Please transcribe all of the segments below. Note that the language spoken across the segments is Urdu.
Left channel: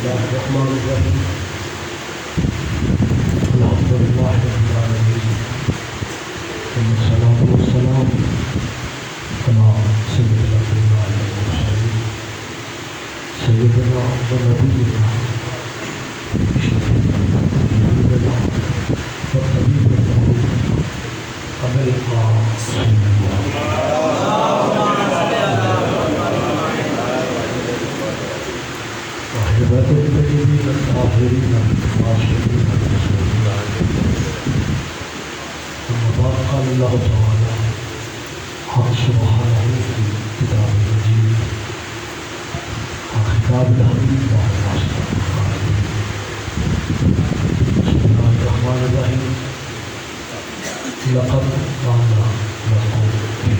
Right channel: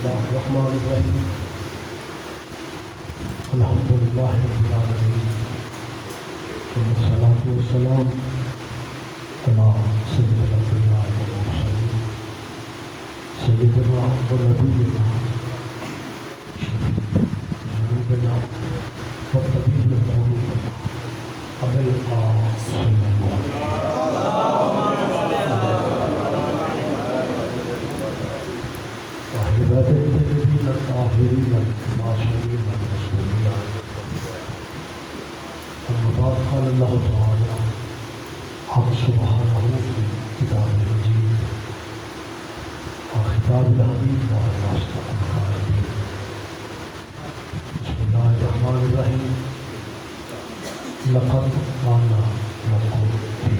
الله الرحمن الرحيم الحمد لله رب العالمين والصلاة والسلام على سيد الأنبياء والمرسلين سيدنا ونبينا شفيعنا وطبيبنا أبي القاسم الطيبين الطاهرين العاشرين رسول الله. أما بعد قال الله تعالى حق سبحانه في كتاب المجيد وخطاب الحبيب وهو أصدق القائلين. بسم الله الرحمن الرحيم. لقد كان لكم في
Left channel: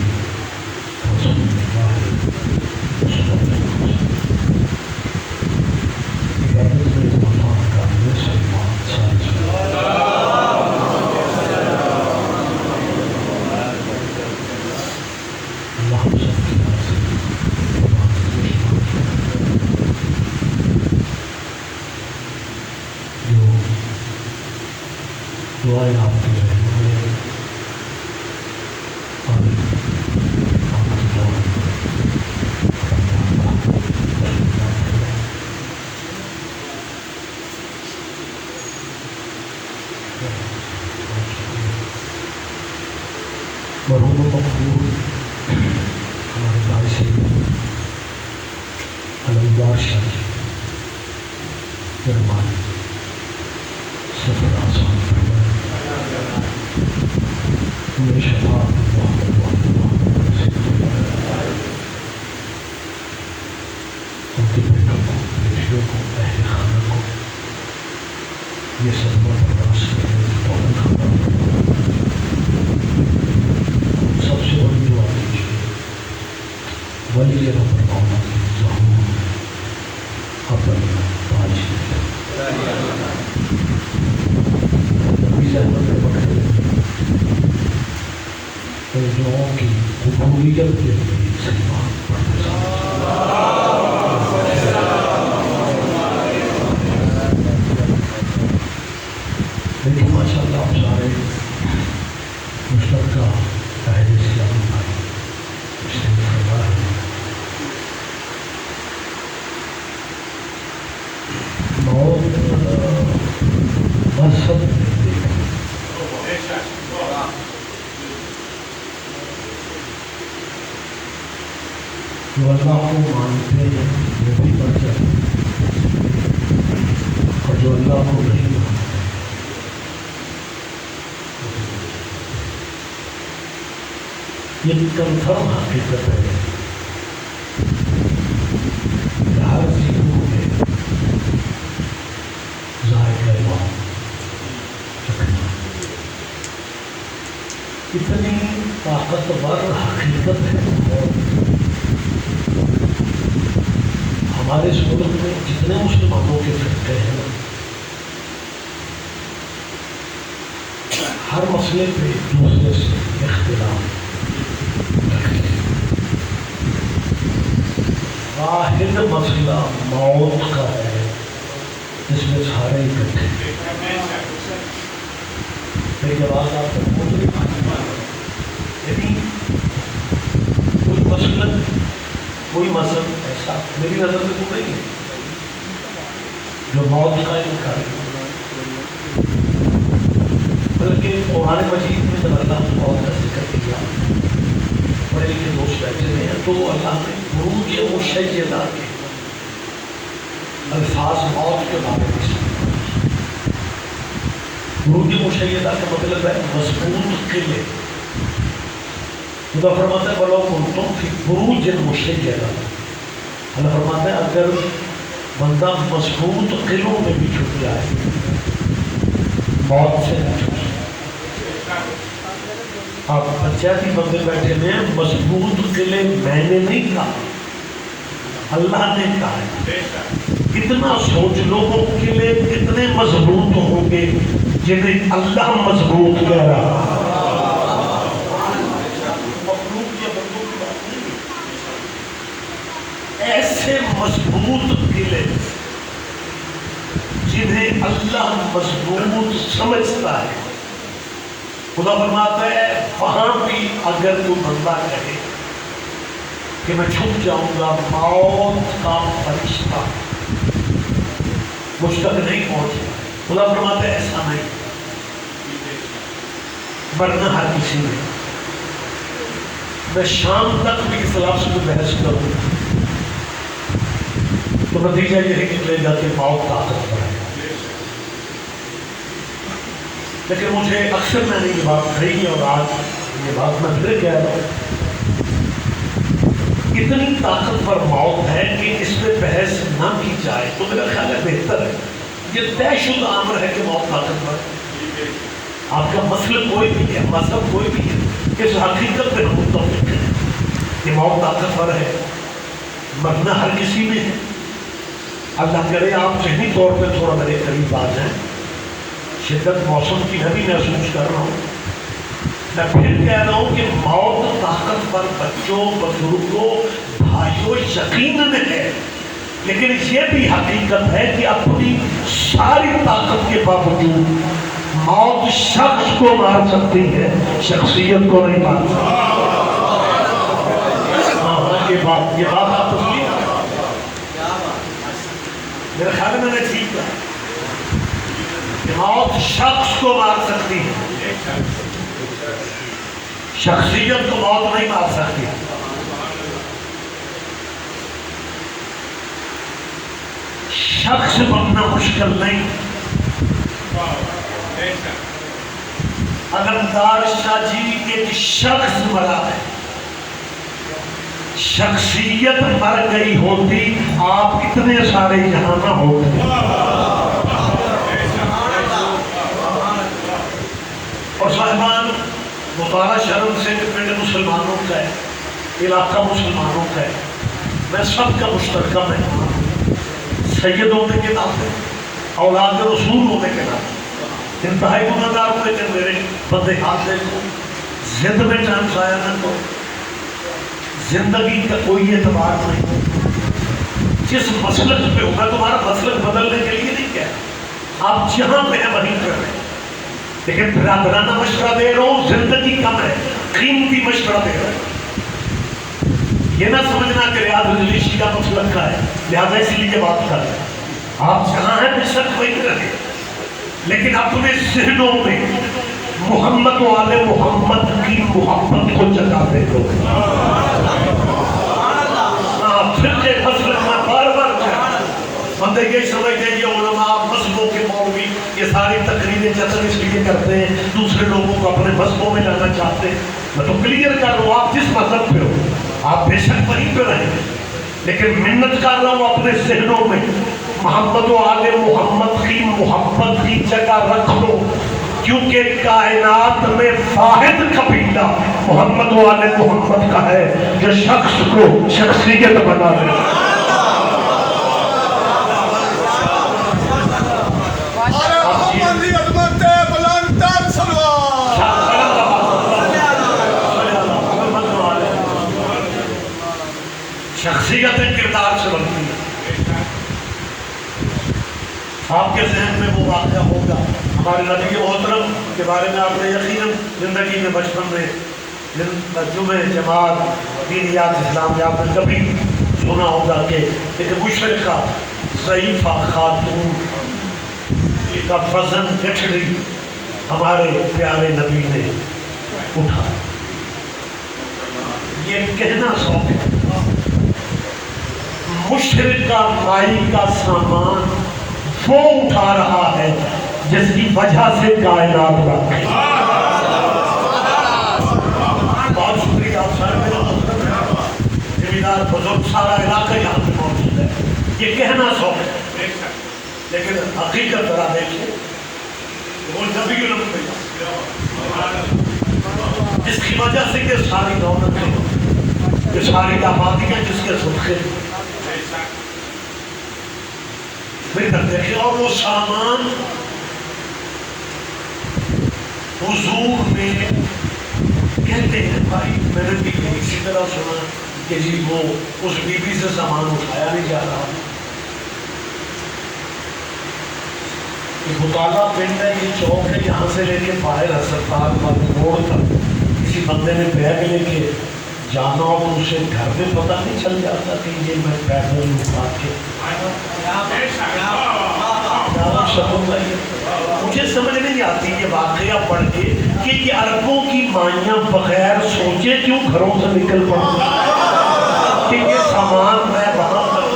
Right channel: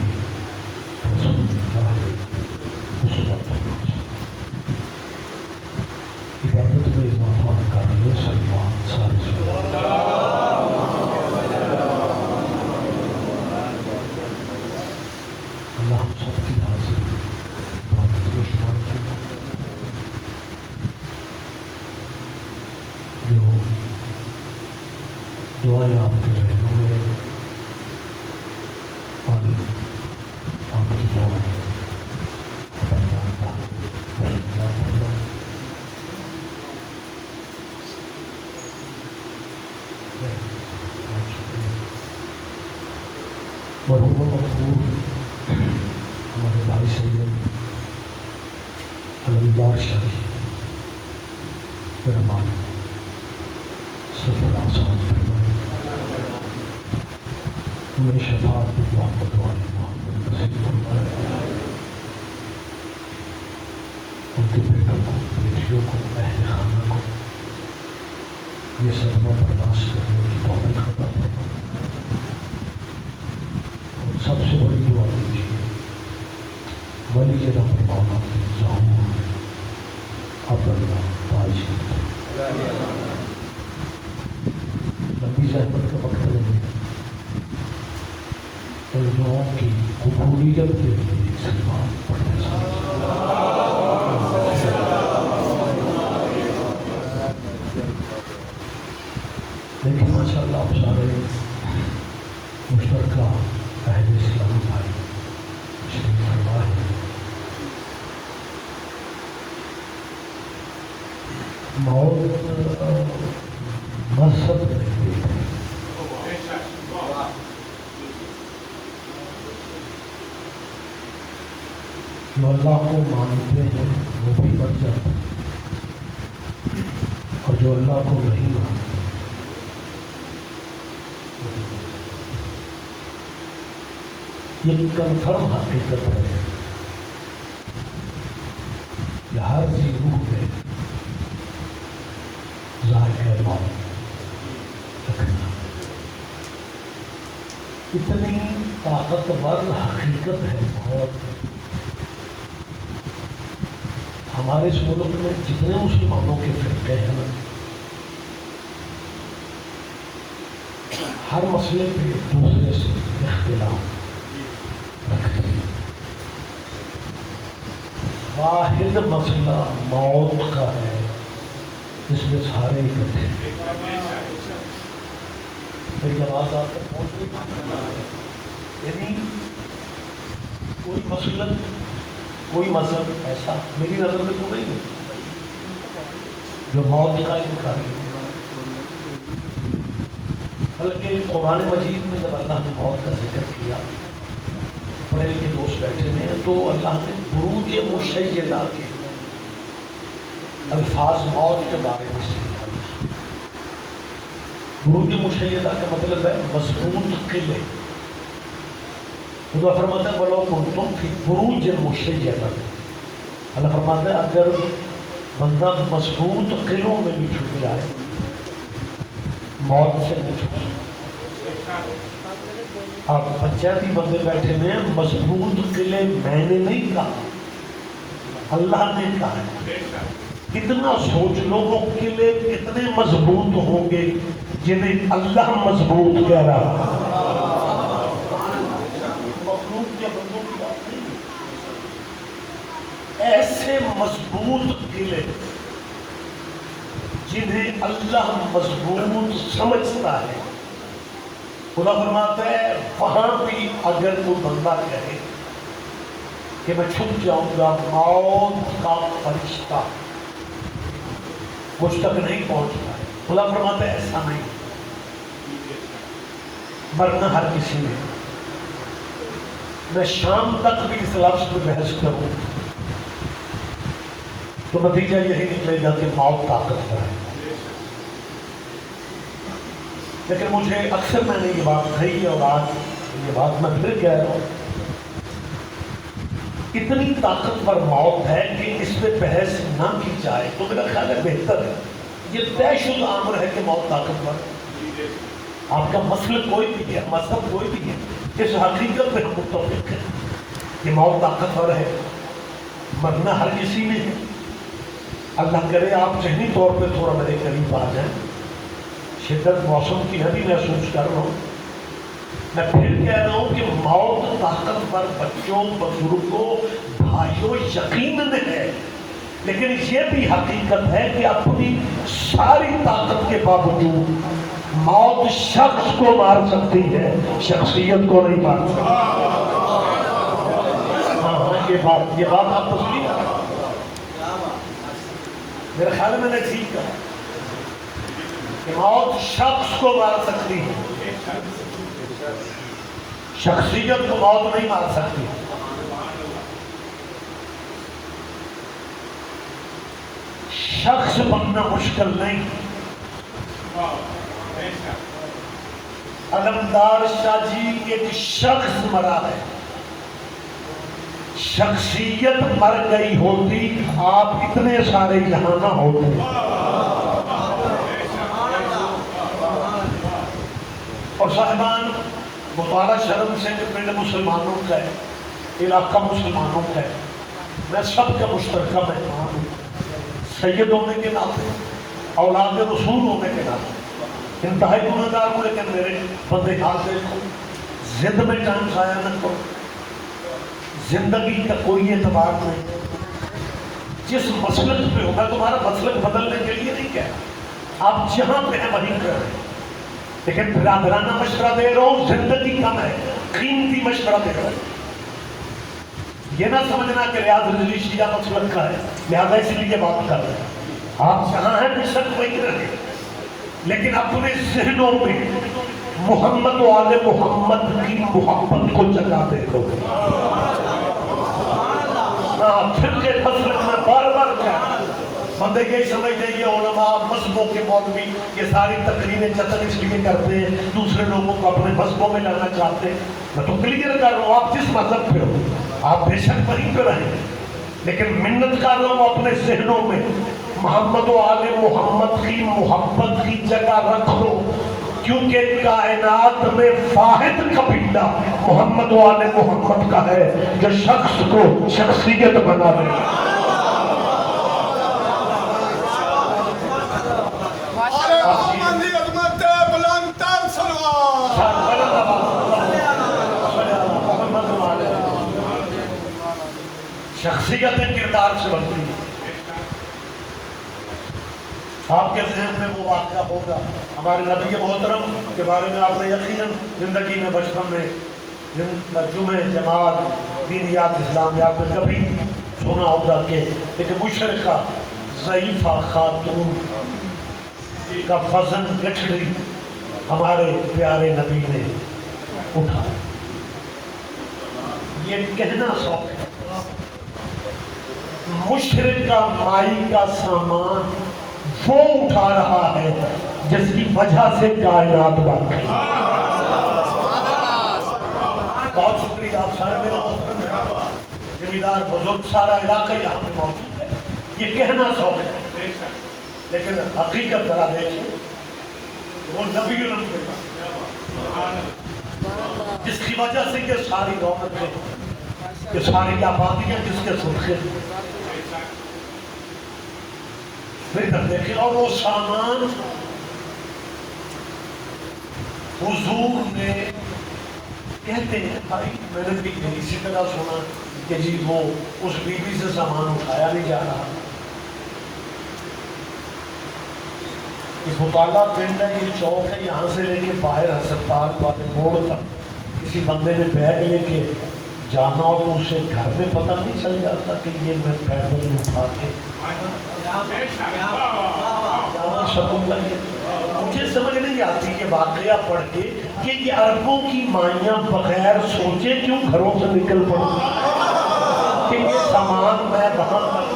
رسول الله أسوة جو اللہ کو مانتے ہیں وہ بھی بڑھ جاتے ہیں اور جو اللہ کو نہیں مانتے یہ کنفرم حقیقت ہے ہر چیزوں میں ذائقہ موت چکھنا اتنی طاقتور حقیقت ہے ہمارے اس ملک میں جتنے مسلمانوں کے فرقے ہیں ہر مسئلے پہ ایک دوسرے سے اختلاف رکھتے ہیں. واحد مسئلہ موت کا ہے جس میں سارے اکٹھے میری آواز آپ کو یعنی کوئی مذہب ایسا میری نظر میں تو نہیں ہے جو موت کا انکار بلکہ قرآن مجید میں جب اللہ نے موت کا ذکر کیا بڑے کے دوست بیٹھے ہوئے ہیں تو اللہ نے بروج مشیدہ کے الفاظ موت کے بارے میں بروج مشیدہ کا مطلب ہے مضبوط قلعے. خدا فرماتا ہے بڑوں کو تم کی بروج مشیدہ. اللہ فرماتا ہے اگر بندہ مضبوط قلعوں میں بھی چھپ جائے موت سے نہیں چھپ سکتا. آپ پنچایتی بندے بیٹھے میں مضبوط قلعے میں نے نہیں کہا اللہ نے کہا ہے. کتنا سوچ لو وہ قلعے کتنے مضبوط ہوں گے جنہیں اللہ مضبوط کہہ رہا ہے. ایسے مضبوط قلعے جنہیں اللہ مضبوط سمجھتا ہے، خدا فرماتا ہے وہاں بھی اگر کوئی بندہ کہے کہ میں چھپ جاؤں گا، موت کا فرشتہ مجھ تک نہیں پہنچتا، خدا فرماتا ہے ایسا نہیں، ورنہ ہر کسی میں شام تک بھی اس لفظ میں بحث کروں تو نتیجہ یہی نکلے گا کہ موت طاقتور ہے۔ لیکن مجھے اکثر میں نے یہ بات کہی اور آج یہ بات میں پھر کہہ رہا ہوں، اتنی طاقتور موت ہے کہ اس پہ بحث نہ کی جائے تو میرا خیال ہے بہتر ہے۔ یہ طے شدہ امر ہے کہ موت طاقتور ہے۔ آپ کا مسلک کوئی بھی ہے، مذہب کوئی بھی ہے، اس حقیقت پہ ہم متفق ہیں کہ موت طاقتور ہے، مرنا ہر کسی میں ہے۔ اللہ کرے آپ ذہنی طور پہ تھوڑا میرے قریب آ جائیں، شدت موسم کی میں بھی محسوس کر رہا ہوں۔ میں پھر کہہ رہا ہوں کہ موت طاقتور بچوں، بزرگوں، بھائیوں یقیناً ہے، لیکن یہ بھی حقیقت ہے کہ اپنی ساری طاقت کے باوجود موت شخص کو مار سکتی ہے، شخصیت کو نہیں مار سکتی۔ یہ بات آپ کو سنی، میرا خیال میں نے ٹھیک ہے کہ موت شخص کو مار سکتی ہے، شخصیت کو موت نہیں مار سکتی۔ شخص بننا مشکل نہیں، علمدار شاہ جی ایک شخص مرا ہے، شخصیت مر گئی ہوتی آپ اتنے سارے یہاں نہ ہوتے۔ اور صاحبان، مطالعہ شرم سے پنڈ مسلمانوں کا ہے، علاقہ مسلمانوں کا ہے، میں سب کا مشترکہ مہمان ہوں، سید ہونے کے ناطے، اولاد رسول ہونے کے ناطے، انتہائی گناہ گار ہونے کے میرے بندے ہاتھ دیکھو، زند میں ٹائم ضائع نہ کرو، زندگی کا کوئی اعتبار نہیں، جس مسلک پہ ہوگا تمہارا مسلک بدلنے کے لیے نہیں کہہ، آپ جہاں پہ ہیں وہیں کر رہے ہیں، لیکن برادرانہ مشورہ دے رہا ہوں، زندگی کم ہے، قیمتی مشورہ دے رہا ہوں۔ یہ نہ سمجھنا کہ ریاض رجلی شیعہ مسلک کا ہے لہذا اس لیے بات کر رہے ہیں، آپ جہاں ہیں بے شک وہیں رہے، لیکن اپنے ذہنوں میں محمد و آل محمد کی محبت کو جگا دے دو۔ فرقے مسلک میں بار بار کہا، بندے یہ سمجھتے ہیں یہ علماء مذہبوں کے مولوی یہ ساری تقریریں جتن اس لیے کرتے ہیں دوسرے لوگوں کو اپنے مذہبوں میں لانا چاہتے ہیں۔ میں تو کلیئر کر رہا ہوں، آپ جس مذہب پہ ہو آپ بے شک وہیں پہ رہیں، لیکن منت کر رہا ہوں اپنے ذہنوں میں محمد و آل محمد کی محبت کی جگہ رکھ لو، کیونکہ کائنات میں واحد قبیلہ محمد و آل محمد کا ہے جو شخص کو شخصیت بنا دے۔ شخصیت کردار سے بنتی ہے۔ آپ کے ذہن میں وہ واقعہ ہوگا ہمارے نبی محترم کے بارے میں آپ نے یقیناً زندگی میں بچپن میں جمعہ جماعت دینیات اسلام آپ نے کبھی سنا ہوگا کہ ایک مشرقہ ضعیفہ خاتون کا وزن گٹھڑی ہمارے پیارے نبی نے اٹھا۔ یہ کہنا سوچ مشرقہ مائی کا سامان وہ اٹھا رہا ہے جس کی وجہ سے کائنات بن گئی۔ بہت شکریہ آپ سارے میرا مطلب ہے زمیندار بزرگ سارا علاقہ یہاں پہ موجود ہے، یہ کہنا سوچ ہے لیکن حقیقت ذرا دیکھیں وہ نبی الامت جس کی وجہ سے یہ ساری رونقیں یہ ساری آبادیاں جس کے صدقے پھر دیکھیں اور وہ سامان حضور میں کہتے ہیں بھائی میں نے بھی اسی طرح سنا کہ جی وہ اس بی بی سے سامان اٹھایا نہیں جا رہا، بطالہ پنڈ ہے، یہ چوک ہے، یہاں سے لے کے باہر ہسپتال والے موڑ تک کسی بندے نے بیگ لے کے جانا ہو تو اسے گھر میں پتہ نہیں چل جاتا کہ یہ میں پیدل اٹھا کے مجھے سمجھ نہیں آتی یہ واقعہ پڑھ کے کہ یہ عربوں کی مائیاں بغیر سوچے کیوں گھروں سے نکل پڑتی کہ یہ سامان میں وہاں تک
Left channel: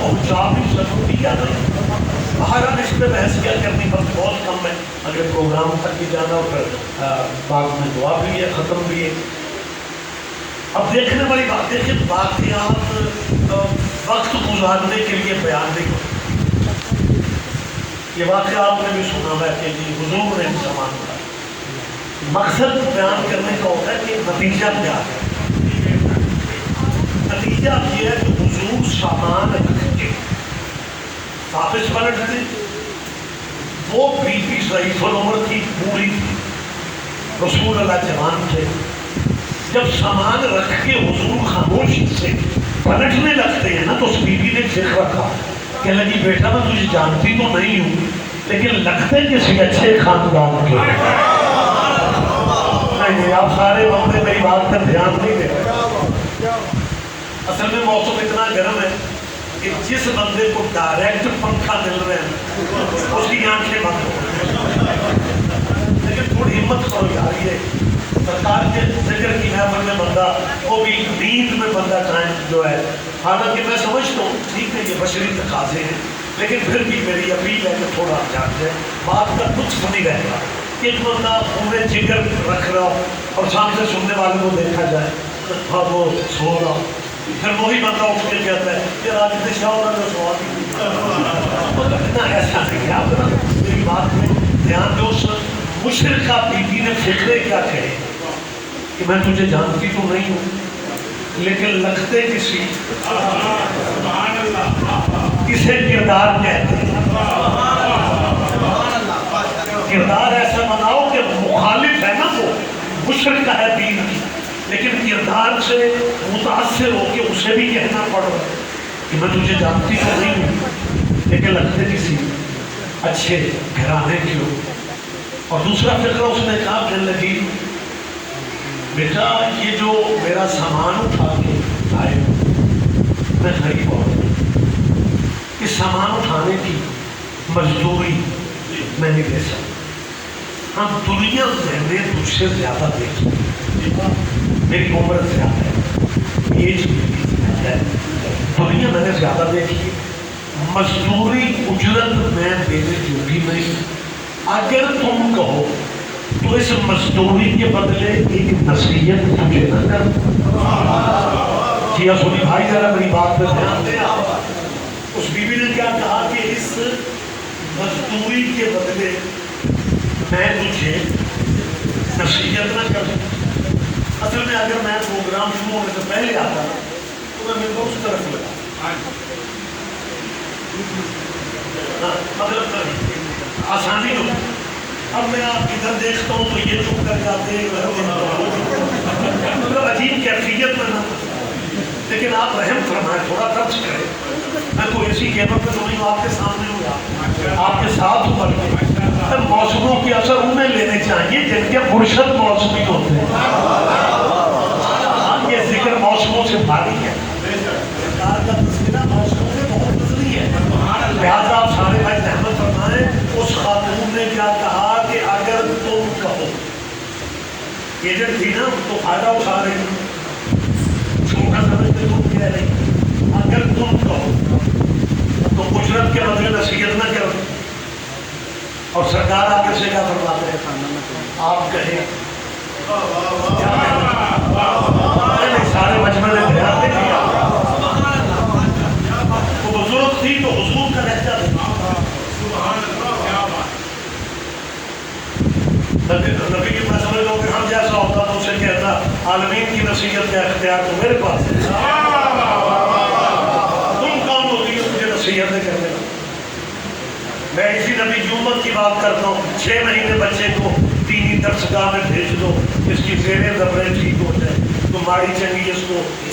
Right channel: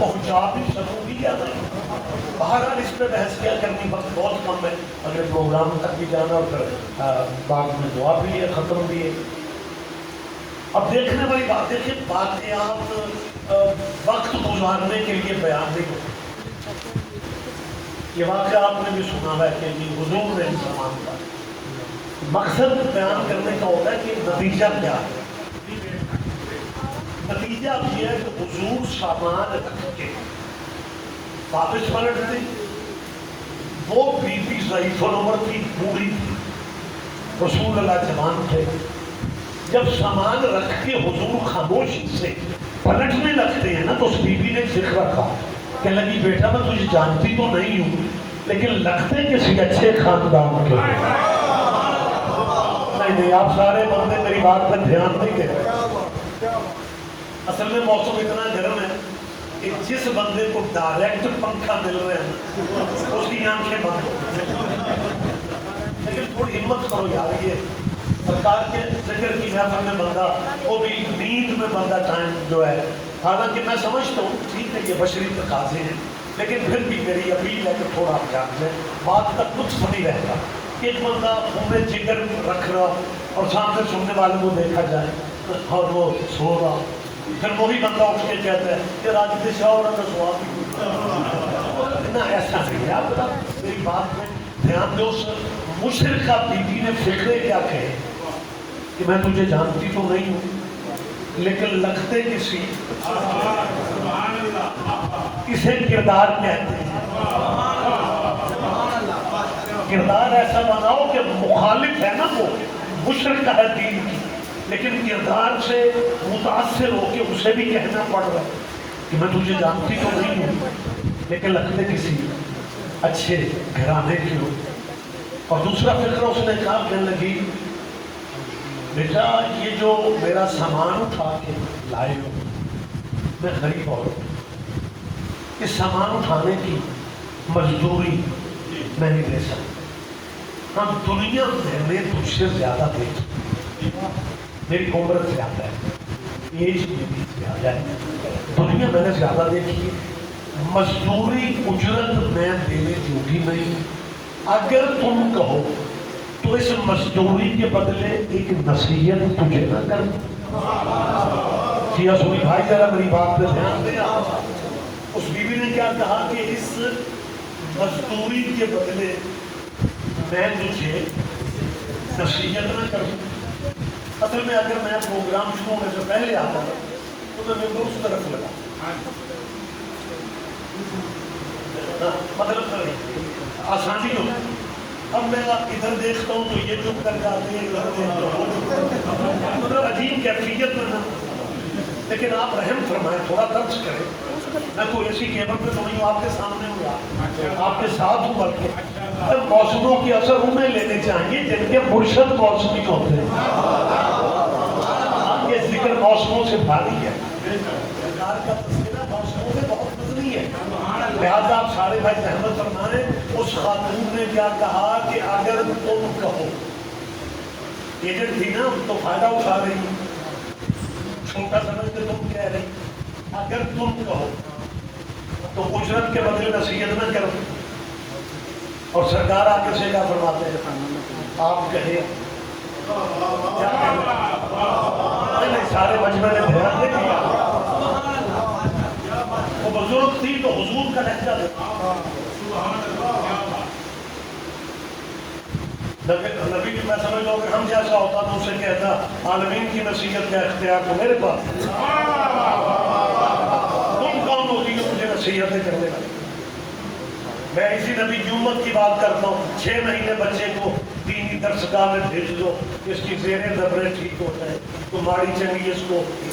پہنچا بھی سکوں یا نہیں. بہرحال اس پہ بحث کیا کرنی بہت کم ہے، اگلے پروگرام تک بھی جانا، پھر بعد میں دعا بھی ہے، ختم بھی ہے. اب دیکھنے والی بات ہے کہ واقعات وقت گزارنے کے لیے بیان نہیں ہوتے. یہ واقعہ آپ نے بھی سنا ہے کہ یہ حضور نے زمان کا مقصد بیان کرنے کا ہوتا ہے کہ نتیجہ کیا ہے. نتیجہ یہ ہے کہ حضور سامان رکھ کے واپس پلٹ دیں. وہ بی بی ضعیف العمر تھی، بوڑھی تھی، رسول اللہ جوان تھے. جب سامان رکھ کے حضور خاموشی سے پلٹنے لگتے ہیں نا تو اس بی بی نے ذکر رکھا کہ لگی بیٹا میں تجھے جانتی تو نہیں ہوں لیکن لگتے کسی اچھے خاندان کے. نہیں آپ سارے بندے میری بات پر دھیان نہیں دے رہے. اصل میں موسم اتنا گرم ہے کہ جس بندے کو ڈائریکٹ پنکھا مل رہے ہیں اس کی آنکھیں بند ہو رہی ہیں. لیکن تھوڑی ہمت کرو یار، یہ سرکار کے ذکر کی محفل میں بندہ وہ بھی نیند میں بندہ ٹائم جو ہے، حالانکہ میں سمجھتا ہوں ٹھیک ہے یہ بشری تقاضے ہیں لیکن پھر بھی میری اپیل ہے کہ تھوڑا جاگ جائے. بات کا کچھ نہیں رہے گا کہ ایک بندہ پورے جگر رکھ رہا ہو اور سامنے سننے والے کو دیکھا جائے ہاں وہ سو رہا ہو، پھر وہی بندہ اٹھ کے کہتا ہے کہ آج دشا ہونا کا سوال اتنا ایسا نہیں ہے. آپ میری بات میں دھیان دو. مشرقہ بی بی نے فکرے کیا کہے کہ میں تجھے جانتی تو نہیں ہوں لیکن لگتے کسی اسے کردار کہتے ہیں. کردار ایسا بناؤ کہ مخالف ہے نا وہ مشرقہ ہے دین کی لیکن کردار سے متاثر ہو کے اسے بھی کہنا پڑ رہا ہے کہ میں تجھے جانتی تو نہیں ہوں لیکن لگتے کسی اچھے گھرانے کی ہو. اور دوسرا فکرہ اس نے کہا کہنے لگی بیٹا یہ جو میرا سامان اٹھا کے لائے ہو میں غریب عورت، اس سامان اٹھانے کی مزدوری میں نہیں دے سکتا. ہاں دنیا میں نے تجھ سے زیادہ دیکھی، میری عمر زیادہ ہے، ایج میری زیادہ ہے، دنیا میں نے زیادہ دیکھی، مزدوری اجرت میں دینے دوں گی نہیں. اگر تم کہو تو اس مزدوری کے بدلے ایک نصیحت تجھے نہ کر. جی سنی بھائی ذرا میری بات پہ دھیان دے. اس بی بی نے کیا کہا کہ اس مزدوری کے بدلے میں تجھے نصیحت نہ کر. اصل میں اگر میں پروگرام شروع ہونے سے پہلے آتا تو میں اس طرف لگا مطلب آسانی ہو. اب میں آپ ادھر دیکھتا ہوں تو یہ چپ کر جاتے ہیں مطلب عجیب کیفیت میں نہ. لیکن آپ رحم فرمائیں، تھوڑا درج کریں. میں کوئی ایسی کیبل پہ تو نہیں ہوں، آپ کے سامنے ہوں، آپ کے ساتھ ہوں. بلکہ موسموں کی اثر انہیں لینے چاہیے جن کے مرشد موسمی ہوتے ہیں. یہ ذکر موسموں سے بھاری ہے، سرکار کا تذکرہ موسموں سے بہت نظری ہے. لہٰذا آپ سارے بھائی رحمت فرمائیں. اس خاتون نے کیا کہا کہ اگر تم کہو، ایجنٹ تھی نا تو فائدہ اٹھا رہے ہو، چھوٹا سمجھ کے تم کہہ رہی اگر تم کہو تو اجرت کے بدلے نصیحت نہ کرو. اور سرکار آگے سے کیا فرماتے ہیں؟ آپ کہیں سارے مجمع نے دھیان دے دیا. وہ بزرگ تھی تو حضور کا لہجہ تھا. نبی کی میں سمجھ لوں کہ ہم جیسا ہوتا تو اسے کہتا عالمین کی نصیحت کا اختیار تو میرے پاس ہے، تم کون ہوتی ہو مجھے نصیحتیں کرنے کا. میں اسی نبی کی امت کی بات کرتا ہوں. 6 مہینے بچے کو دینی درسگاہ میں بھیج دو، اس کی زیریں دبریں ٹھیک ہو جائیں، تو ماڑی چنگی اس کو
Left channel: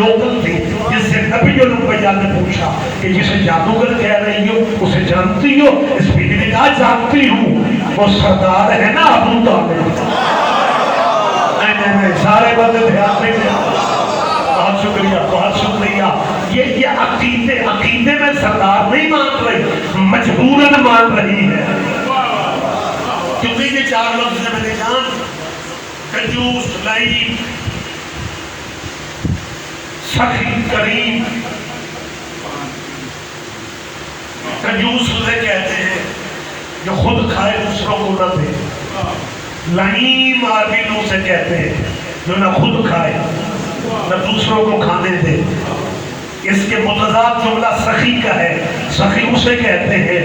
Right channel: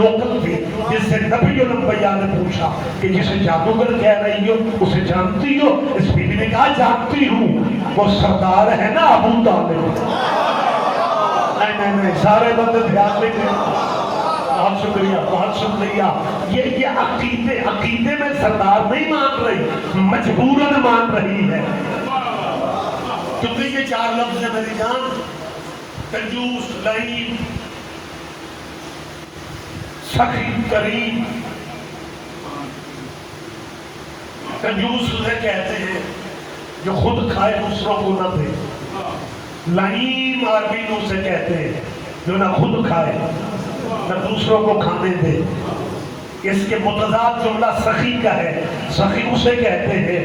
لوکل تھی جس سے نبی الانبیاء نے پوچھا کہ جسے جادوگر کہہ رہی ہو اسے جانتی ہو؟ اس بیوی نے کہا جانتی ہوں، وہ سردار ہے نا ابو طالب۔ نہیں سارے بندے دھیان نہیں دیں۔ بہت شکریہ بہت شکریہ۔ یہ عقیدے میں سردار نہیں مان رہی، مجبوراً مان رہی ہے، کیونکہ یہ چار لفظ ہیں میری جان: کنجوس، لعین، سخی، کریم۔ کنجوس اسے کہتے ہیں جو خود کھائے دوسروں کو نہ دے۔ لعین عربی میں اسے کہتے ہیں جو نہ خود کھائے نہ دوسروں کو کھانے دے۔ اس کے متضاد جملہ سخی کا ہے۔ سخی اسے کہتے ہیں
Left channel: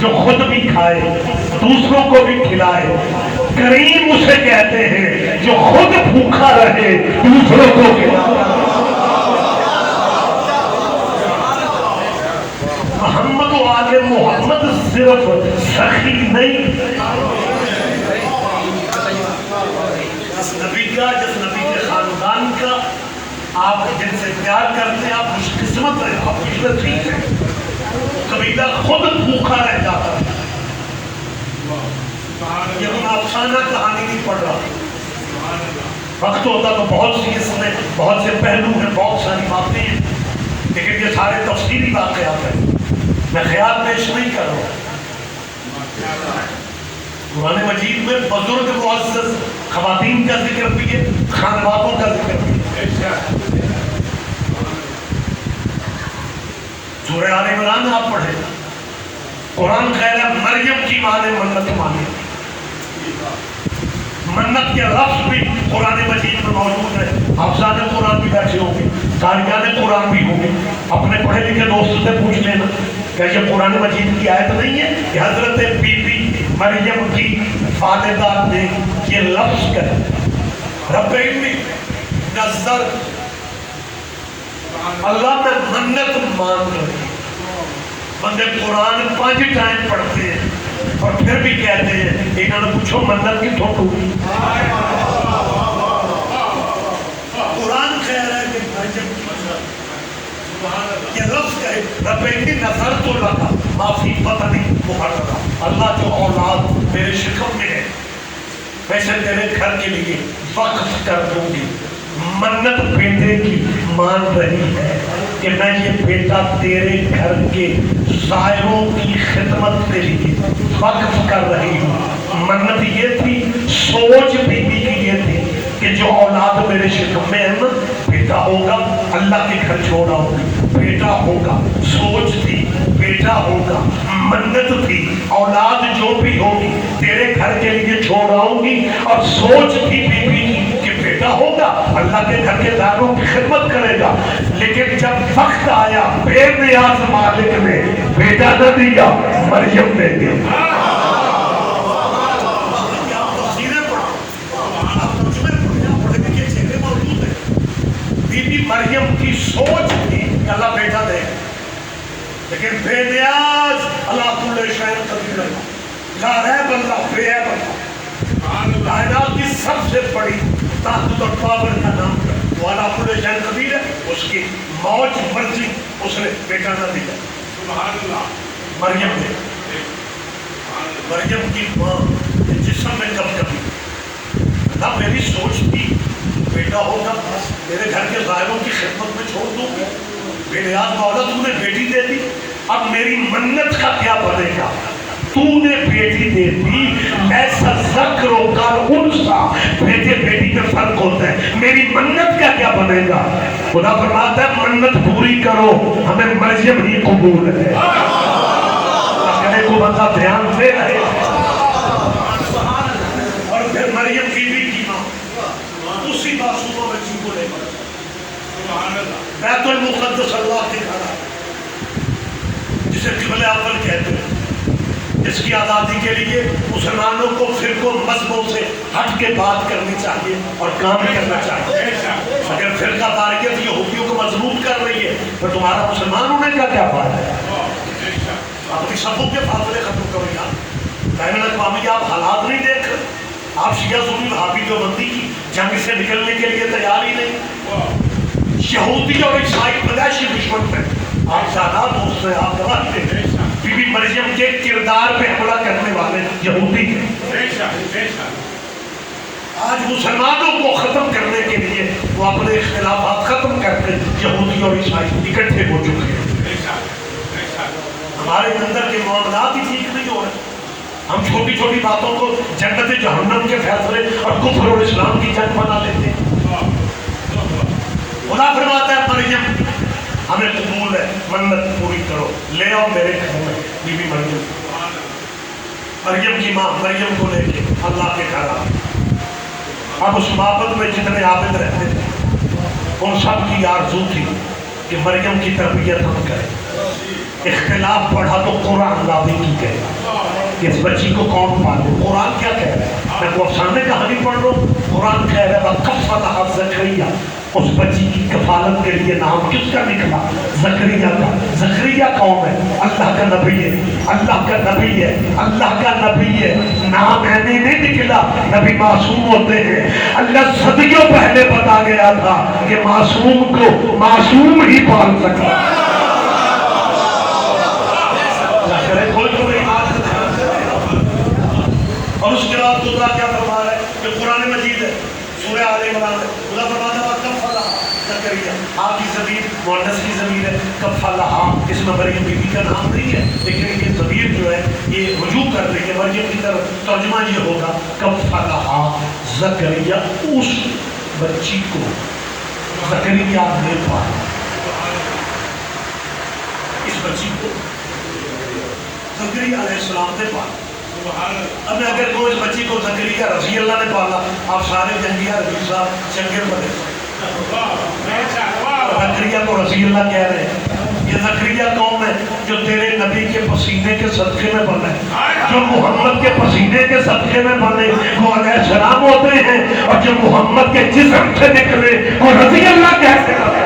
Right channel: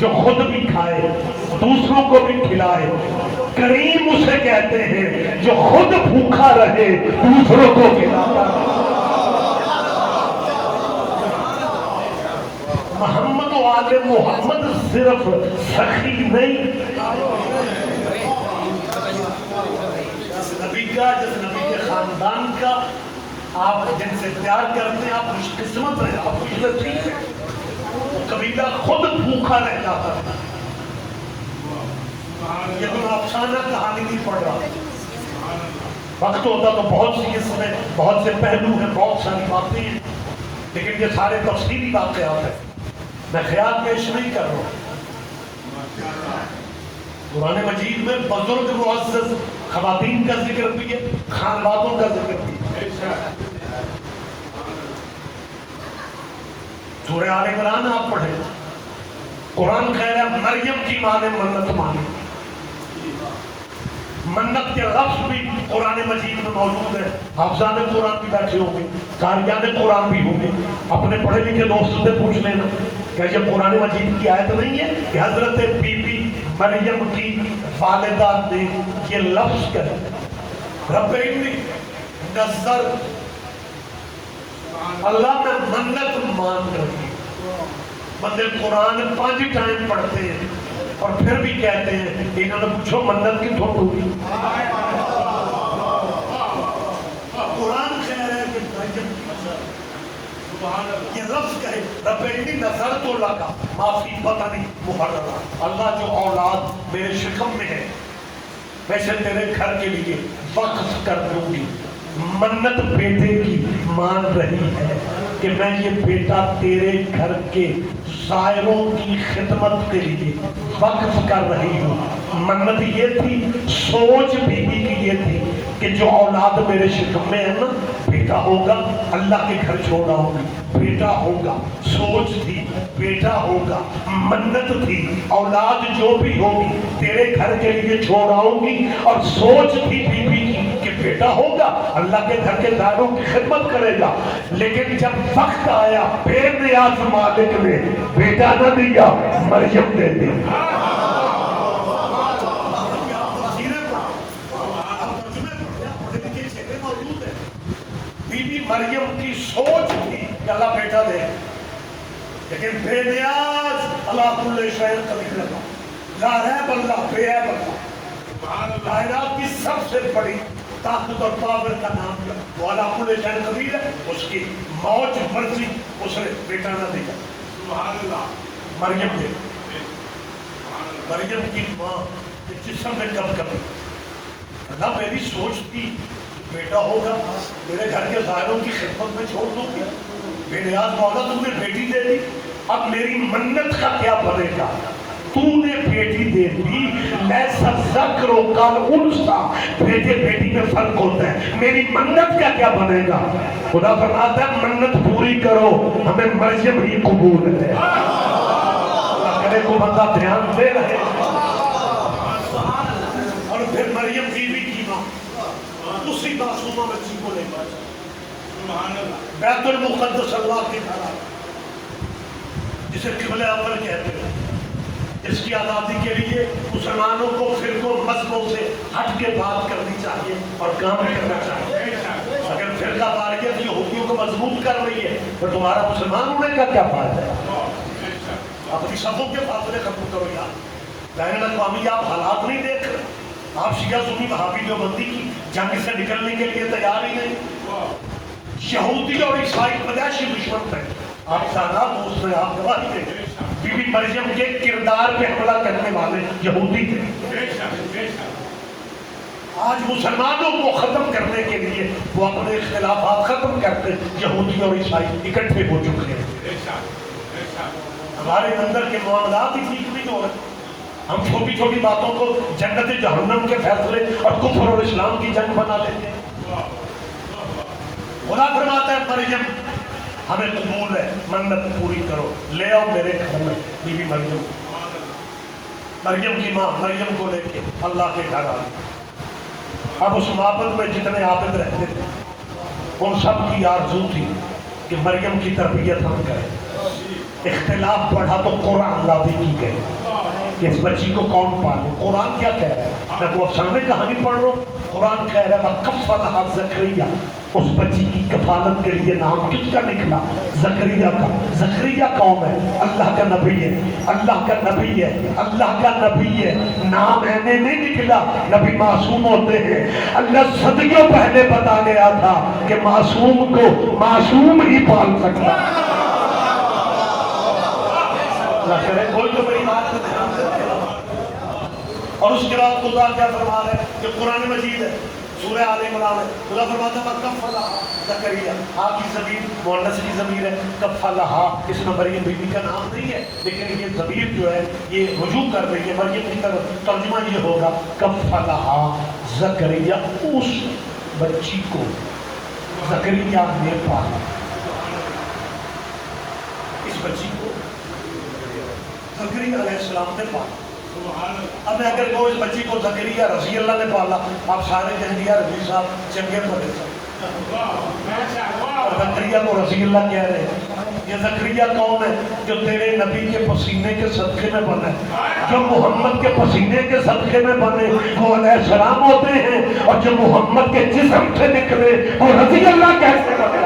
جو خود بھی کھائے دوسروں کو بھی کھلائے۔ کریم اسے کہتے ہیں جو خود بھوکا رہے دوسروں کو کھلائے۔ محمد و آل محمد صرف سخی نہیں، جس نبی کے خاندان کا آپ جن سے پیار کرتے ہیں، آپ خوش قسمت ہیں، آپ کی ٹھیک ہے۔ قبیلہ خود بھوکا رہ جاتا ہے۔ یہ کوئی افسانہ کہانی نہیں پڑھ رہا، وقت ہوتا تو بہت سی اس میں بہت سے پہلو ہیں، بہت ساری باتیں ہیں، لیکن یہ سارے تفصیلی واقعات ہیں، میں خیال پیش نہیں کر رہا۔ قرآن مجید میں بزرگ معزز خواتین کا ذکر بھی ہے، خانوادوں کا ذکر بھی ہے۔ سورہ آل عمران آپ پڑھیں، قرآن کہہ رہا ہے مریم کی ماں نے منت مانی۔ منت کے لفظ بھی قرآن مجید میں موجود ہے۔ حافظان قرآن بھی بیٹھے ہوں گے، قاریان قرآن بھی ہوں گے، اپنے پڑھے لکھے دوستوں سے پوچھ لینا کیا یہ قرآن مجید کی آیت نہیں ہے کہ حضرت بی بی مریم کی والدہ نے یہ لفظ کہا رب انی نظر، اللہ میں منت مانگ رہی۔ بندے قرآن 5 ٹائم پڑھتے ہیں اور پھر بھی کہتے ہیں انہوں نے پوچھو منت کتوں ٹوٹی۔ قرآن کہہ رہا ہے کہ مریم کی نظر، یہ لفظ کہے رب انی نظر تو لگا معافی پتہ نہیں محرم، اللہ جو اولاد میرے شکم میں ہے میں اسے تیرے گھر کے لیے وقف کر دوں گی۔ منت بیٹے کی مان رہی ہے کہ میں یہ بیٹا تیرے گھر کے زائروں کی خدمت کے لیے وقف کر رہی ہوں۔ منت یہ تھی، سوچ بیوی کی یہ تھی کہ جو اولاد میرے شکم میں ہے نا، بیٹا ہوگا اللہ کے گھر چھوڑا ہوگی، بیٹا ہوگا، سوچ تھی بیٹا ہوگا، منت تھی اولاد جو بھی ہوگی تیرے گھر کے لیے چھوڑ آؤں گی، اور سوچ تھی بیوی کی کہ بیٹا ہوگا اللہ کے گھر کے داروں کی خدمت کرے گا۔ لیکن جب وقت آیا بے نیاز مالک نے بیٹا نہ دیا، مریم نے دیا۔ مریم کی سوچ تھی کہ اللہ بیٹا دے، لیکن بے نیاز اللہ کل شیء قدیر، لا ریب اللہ بے عیب اللہ، کائنات کی سب سے بڑی طاقت اور پاور کا نام ہے وہ اللہ کل شیء قدیر ہے، اس کی موج مرضی اس نے بیٹا نہ دیا۔ سبحان اللہ۔ مریم نے، مریم کی ماں جسم میں کب کبھی اللہ میری سوچ تھی بیٹا ہوگا میرے گھر کے غائروں کی خدمت میں چھوڑ دوں گی، بے نیاز مولا تو نے بیٹی دے دی، اب میری منت کا کیا بنے گا؟ تو نے بیٹی دے دی، ایسا ذکر و کال انسا، بیٹے بیٹی میں فرق ہوتا ہے، میری منت کا کیا بنے گا؟ خدا فرماتا ہے منت پوری کرو، ہمیں مریم ہی قبول ہے۔ اکلے کو بندہ دھیان دے رہے ہیں۔ اور پھر مریم بی بی کی ماں اسی معصومہ بچی کو لے کر بیت المقدس اللہ کے گھر، جسے قبلہ اول کہتے ہیں، جس کی آزادی کے لیے مسلمانوں کو فرقوں مذہبوں سے ہٹ کے بات کرنی چاہیے اور کام کرنا چاہیے۔ اگر فرقہ واریت یہودیوں کو مضبوط کر رہی ہے تو تمہارا مسلمان ہونے کا کیا بات ہے؟ اپنی صفوں کے فاصلے ختم کرو یار، بین الاقوامی آپ حالات نہیں دیکھ رہے، آپ شیعہ سنی وہابی دیوبندی کی جنگ سے نکلنے کے لیے تیار ہی نہیں۔ یہودی اور عیسائی پیدائشی دشمن تھے. آپ سادہ دوست ہیں, آپ گواہ تھے. بی بی مریم کے کردار پہ حملہ کرنے والے یہودی تھے. آج مسلمانوں کو ختم کرنے کے لیے وہ اپنے اختلافات ختم کر کے یہودی اور عیسائی اکٹھے ہو چکے ہیں. ہمارے اندر کے معاملات ہی ٹھیک نہیں ہو رہے. ہم چھوٹی چھوٹی باتوں کو جنت جہنم کے فیصلے اور کفر اور اسلام کی جنگ بنا لیتے ہیں. خدا فرماتا ہے مریم ہمیں قبول ہے, منت پوری کرو, لے آؤ میرے گھر میں. بی بی مریم, مریم کی ماں مریم کو لے کے اللہ کے گھر آ. اب اس معبد میں جتنے عابد رہتے تھے ان سب کی آرزو تھی کہ مریم کی تربیت ہم کریں. اختلاف پڑھا تو قرآن دعوی کی گئی کہ اس بچی کو کون پالے. قرآن کیا کہہ رہا ہے؟ میں کو افسانے کہانی پڑھ رہا ہوں. قرآن کہہ رہا ہے کفلھا زکریا, اس بچی کی کفالت کے لیے نام کس کا نکلا؟ زکریا کا. زکریا کون ہے؟ اللہ کا نبی ہے, اللہ کا نبی ہے, اللہ کا نبی ہے. نام اینے نہیں نکلا, نبی معصوم ہوتے ہیں. اللہ صدیوں پہلے بتا گیا تھا کہ معصوم کو معصوم ہی پال سکتا. اور اس کے بعد خدا کیا فرما رہا ہے کہ قرآن مجید ہے, سورہ آل عمران ہے. خدا فرماتا ہے کفلھا زکریا. آپ کی ضمیر مؤنث کی ضمیر ہے. کفلھا اس میں مریم بی بی کا نام نہیں ہے, لیکن یہ ضمیر جو ہے یہ رجوع کر رہی ہے مریم کی طرف. ترجمہ یہ ہوگا کفلھا زکریا, اس بچی کو زکریا نے پالا. اس بچی کو زکریا علیہ السلام نے پالا. اب میں اگر کہوں اس بچی کو زکریا رضی اللہ نے پالا, آپ سارے جنگیہ رضی صاحب چنگیر بنے. زکریا کو رضی اللہ کہہ رہے ہیں. یہ زکریا کون ہے؟ جو تیرے نبی کے پسینے کے صدقے میں بنے, جو محمد کے پسینے کے صدقے میں بنے وہ علیہ السلام ہوتے ہیں, اور جو محمد کے جسم سے نکلے وہ رضی اللہ کہتے ہیں.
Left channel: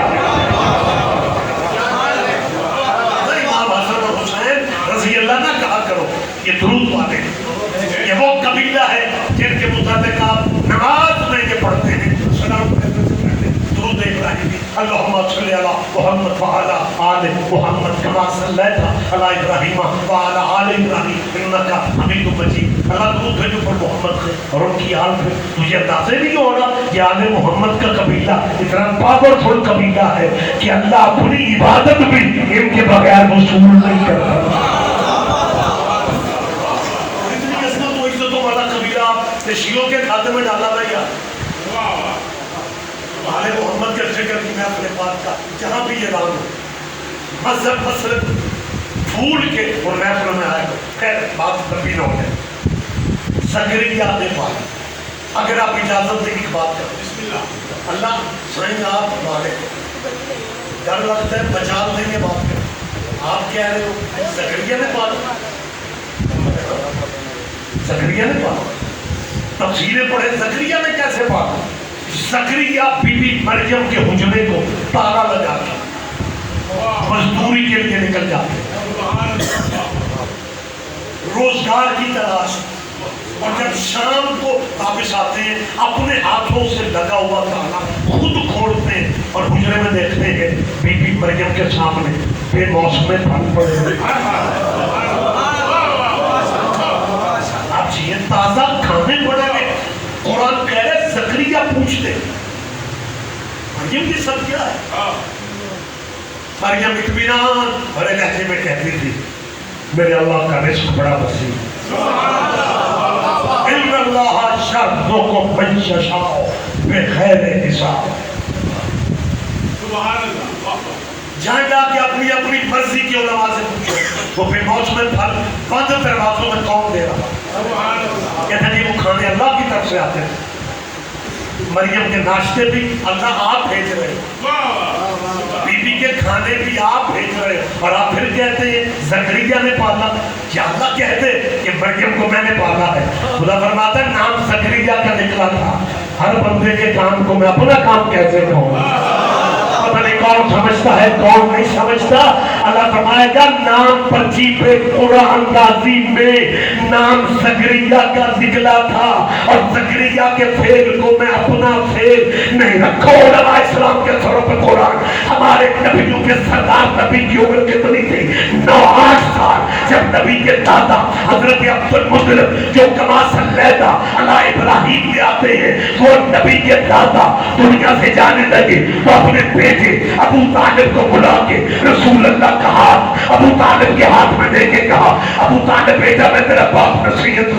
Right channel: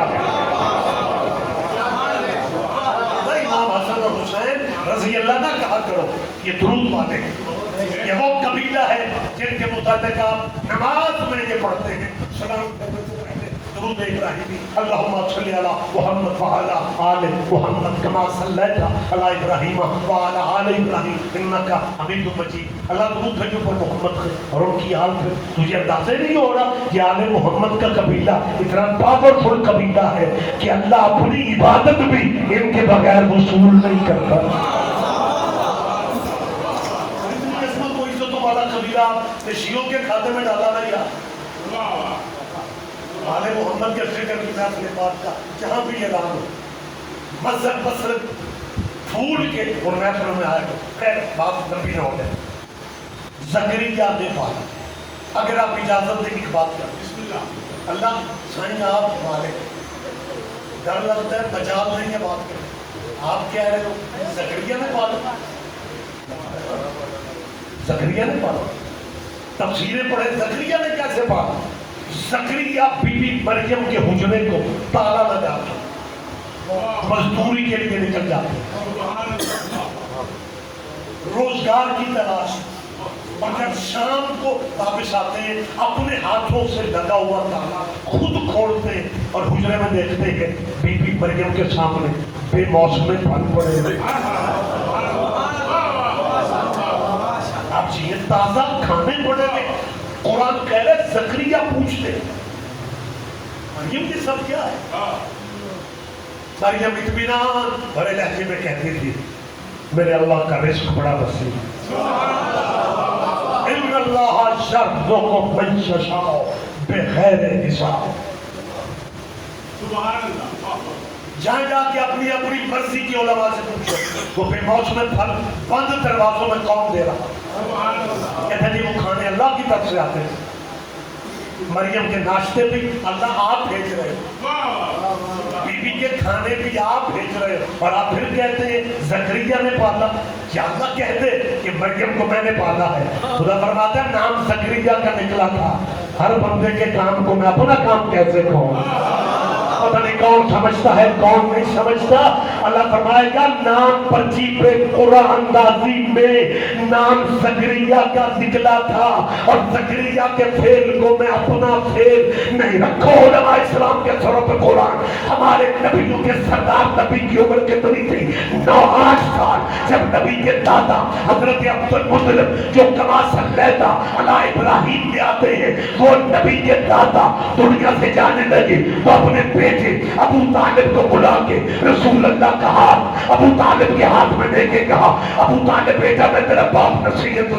امام حسن اور حسین رضی اللہ نہ کہا کرو, یہ درود والے ہیں. یہ وہ قبیلہ ہے جن کے متعلق آپ نماز میں یہ پڑھتے ہیں سلام درود ابراہیمی. اللہم صلی علی محمد وعلی آل محمد کما صلیت علی ابراہیم وعلی آل ابراہیم انکا حمید مجید. اللہ درود بھیجو پر محمد سے اور ان کی آل میں. تجھے اندازے نہیں ہو رہا یہ آل محمد کا قبیلہ اتنا پاورفل قبیلہ ہے کہ اللہ اپنی عبادت بھی ان کے بغیر وصول نہیں کرتا. والا قبیلہ شیعوں کے کھاتے میں ڈالا رہا. آل محمد کے ذکر کی میں اپنے بات کا جہاں بھی یہ اعلان ہو مذہب مسلک پھول کے اور محفل میں آئے. خیر بات تبھی نہ ہو جائے. زکریا نے پالا. اگر آپ اجازت دیں ایک بات کریں. اللہ سائیں آپ ہمارے ڈر لگتا ہے مجال نہیں ہے بات کریں. آپ کہہ رہے ہو زکریا نے پالا, زکریا نے پالا. تفسیریں پڑھے زکریا نے کیسے پالا. زکریا بی بی مریم کے حجرے کو تالا لگا کے مزدوری کے لیے نکل جاتے, روزگار کی تلاش, اور جب شام کو واپس آتے ہیں اپنے ہاتھوں سے لگا ہوا تالا خود کھولتے ہیں اور حجرے میں دیکھتے ہیں بی بی مریم کے سامنے بے موسم پھل پڑے ہوئے. تازہ کھانے پڑے ہوئے. قرآن کہہ رہے زکریا پوچھتے مریم کی سب کیا ہے. مریم اطمینان بڑے لہجے میں کہتی تھی میرے اللہ کا رزق بڑا وسیع ہے. ان اللہ یرزق من یشاء بغیر حساب. جہاں جا کے اپنی اپنی مرضی کی علماء سے پوچھو وہ بے موسم پھل بند دروازوں میں کون دے رہا. کہتے ہیں وہ کھانے اللہ کی طرف سے آتے ہیں. مریم کے ناشتے بھی اللہ آپ بھیج رہے ہیں, بی بی کے کھانے بھی آپ بھیج رہے ہیں, اور آپ پھر کہتے ہیں زکریا نے پالا. کیا اللہ کہتے کہ مریم کو میں نے پالا ہے. خدا فرماتا ہے نام زکریا کا نکلا تھا. ہر بندے کے کام کو میں اپنا کام کیسے کہوں, پتہ نہیں کون سمجھتا ہے کون نہیں سمجھتا. اللہ فرمائے گا نام پرچی پہ قرآن اندازی میں نام زکریا کا نکلا تھا, اور زکریا کے فعل کو میں اپنا اتنا فیل نہیں رکھا علماء اسلام کے سروں پہ قرآن. ہمارے نبیوں کے سردار نبی کی عمر کتنی تھی؟ 9-8 سال. جب نبی کے دادا حضرت عبد المطلب جو کما صلیتا علی ابراہیم میں آتے ہیں، وہ نبی کے دادا دنیا سے جانے لگے تو اپنے بیٹے ابو طالب کو بلا کے رسول اللہ کا ہاتھ ابو طالب کے ہاتھ میں دے کے کہا، ابو طالب بیٹا میں تیرا باپ نصیحت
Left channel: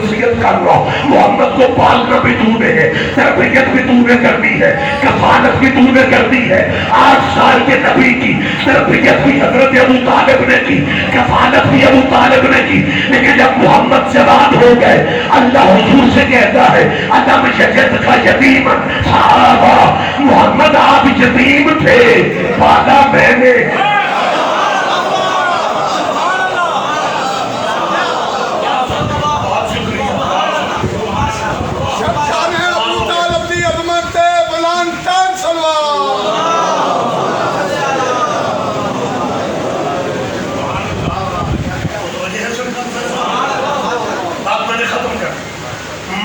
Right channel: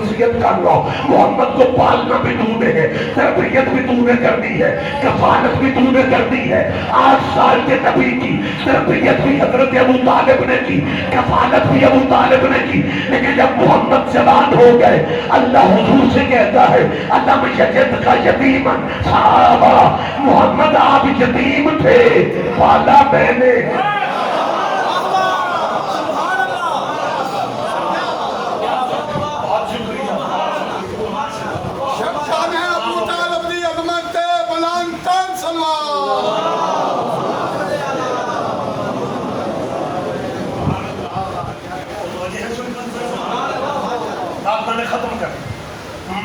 کر رہا ہوں، محمد کو پالنا بھی تو نے ہے، تربیت بھی تو نے کرنی ہے، کفالت بھی تو نے کرنی ہے. 8 سال کے نبی کی تربیت بھی حضرت ابو طالب نے کی، کفالت بھی ابو طالب نے کی. لیکن جب محمد جوان ہو گئے، اللہ حضور سے کہتا ہے ادم یجد کا یتیما صحابہ، محمد آپ یتیم تھے، پالا میں نے.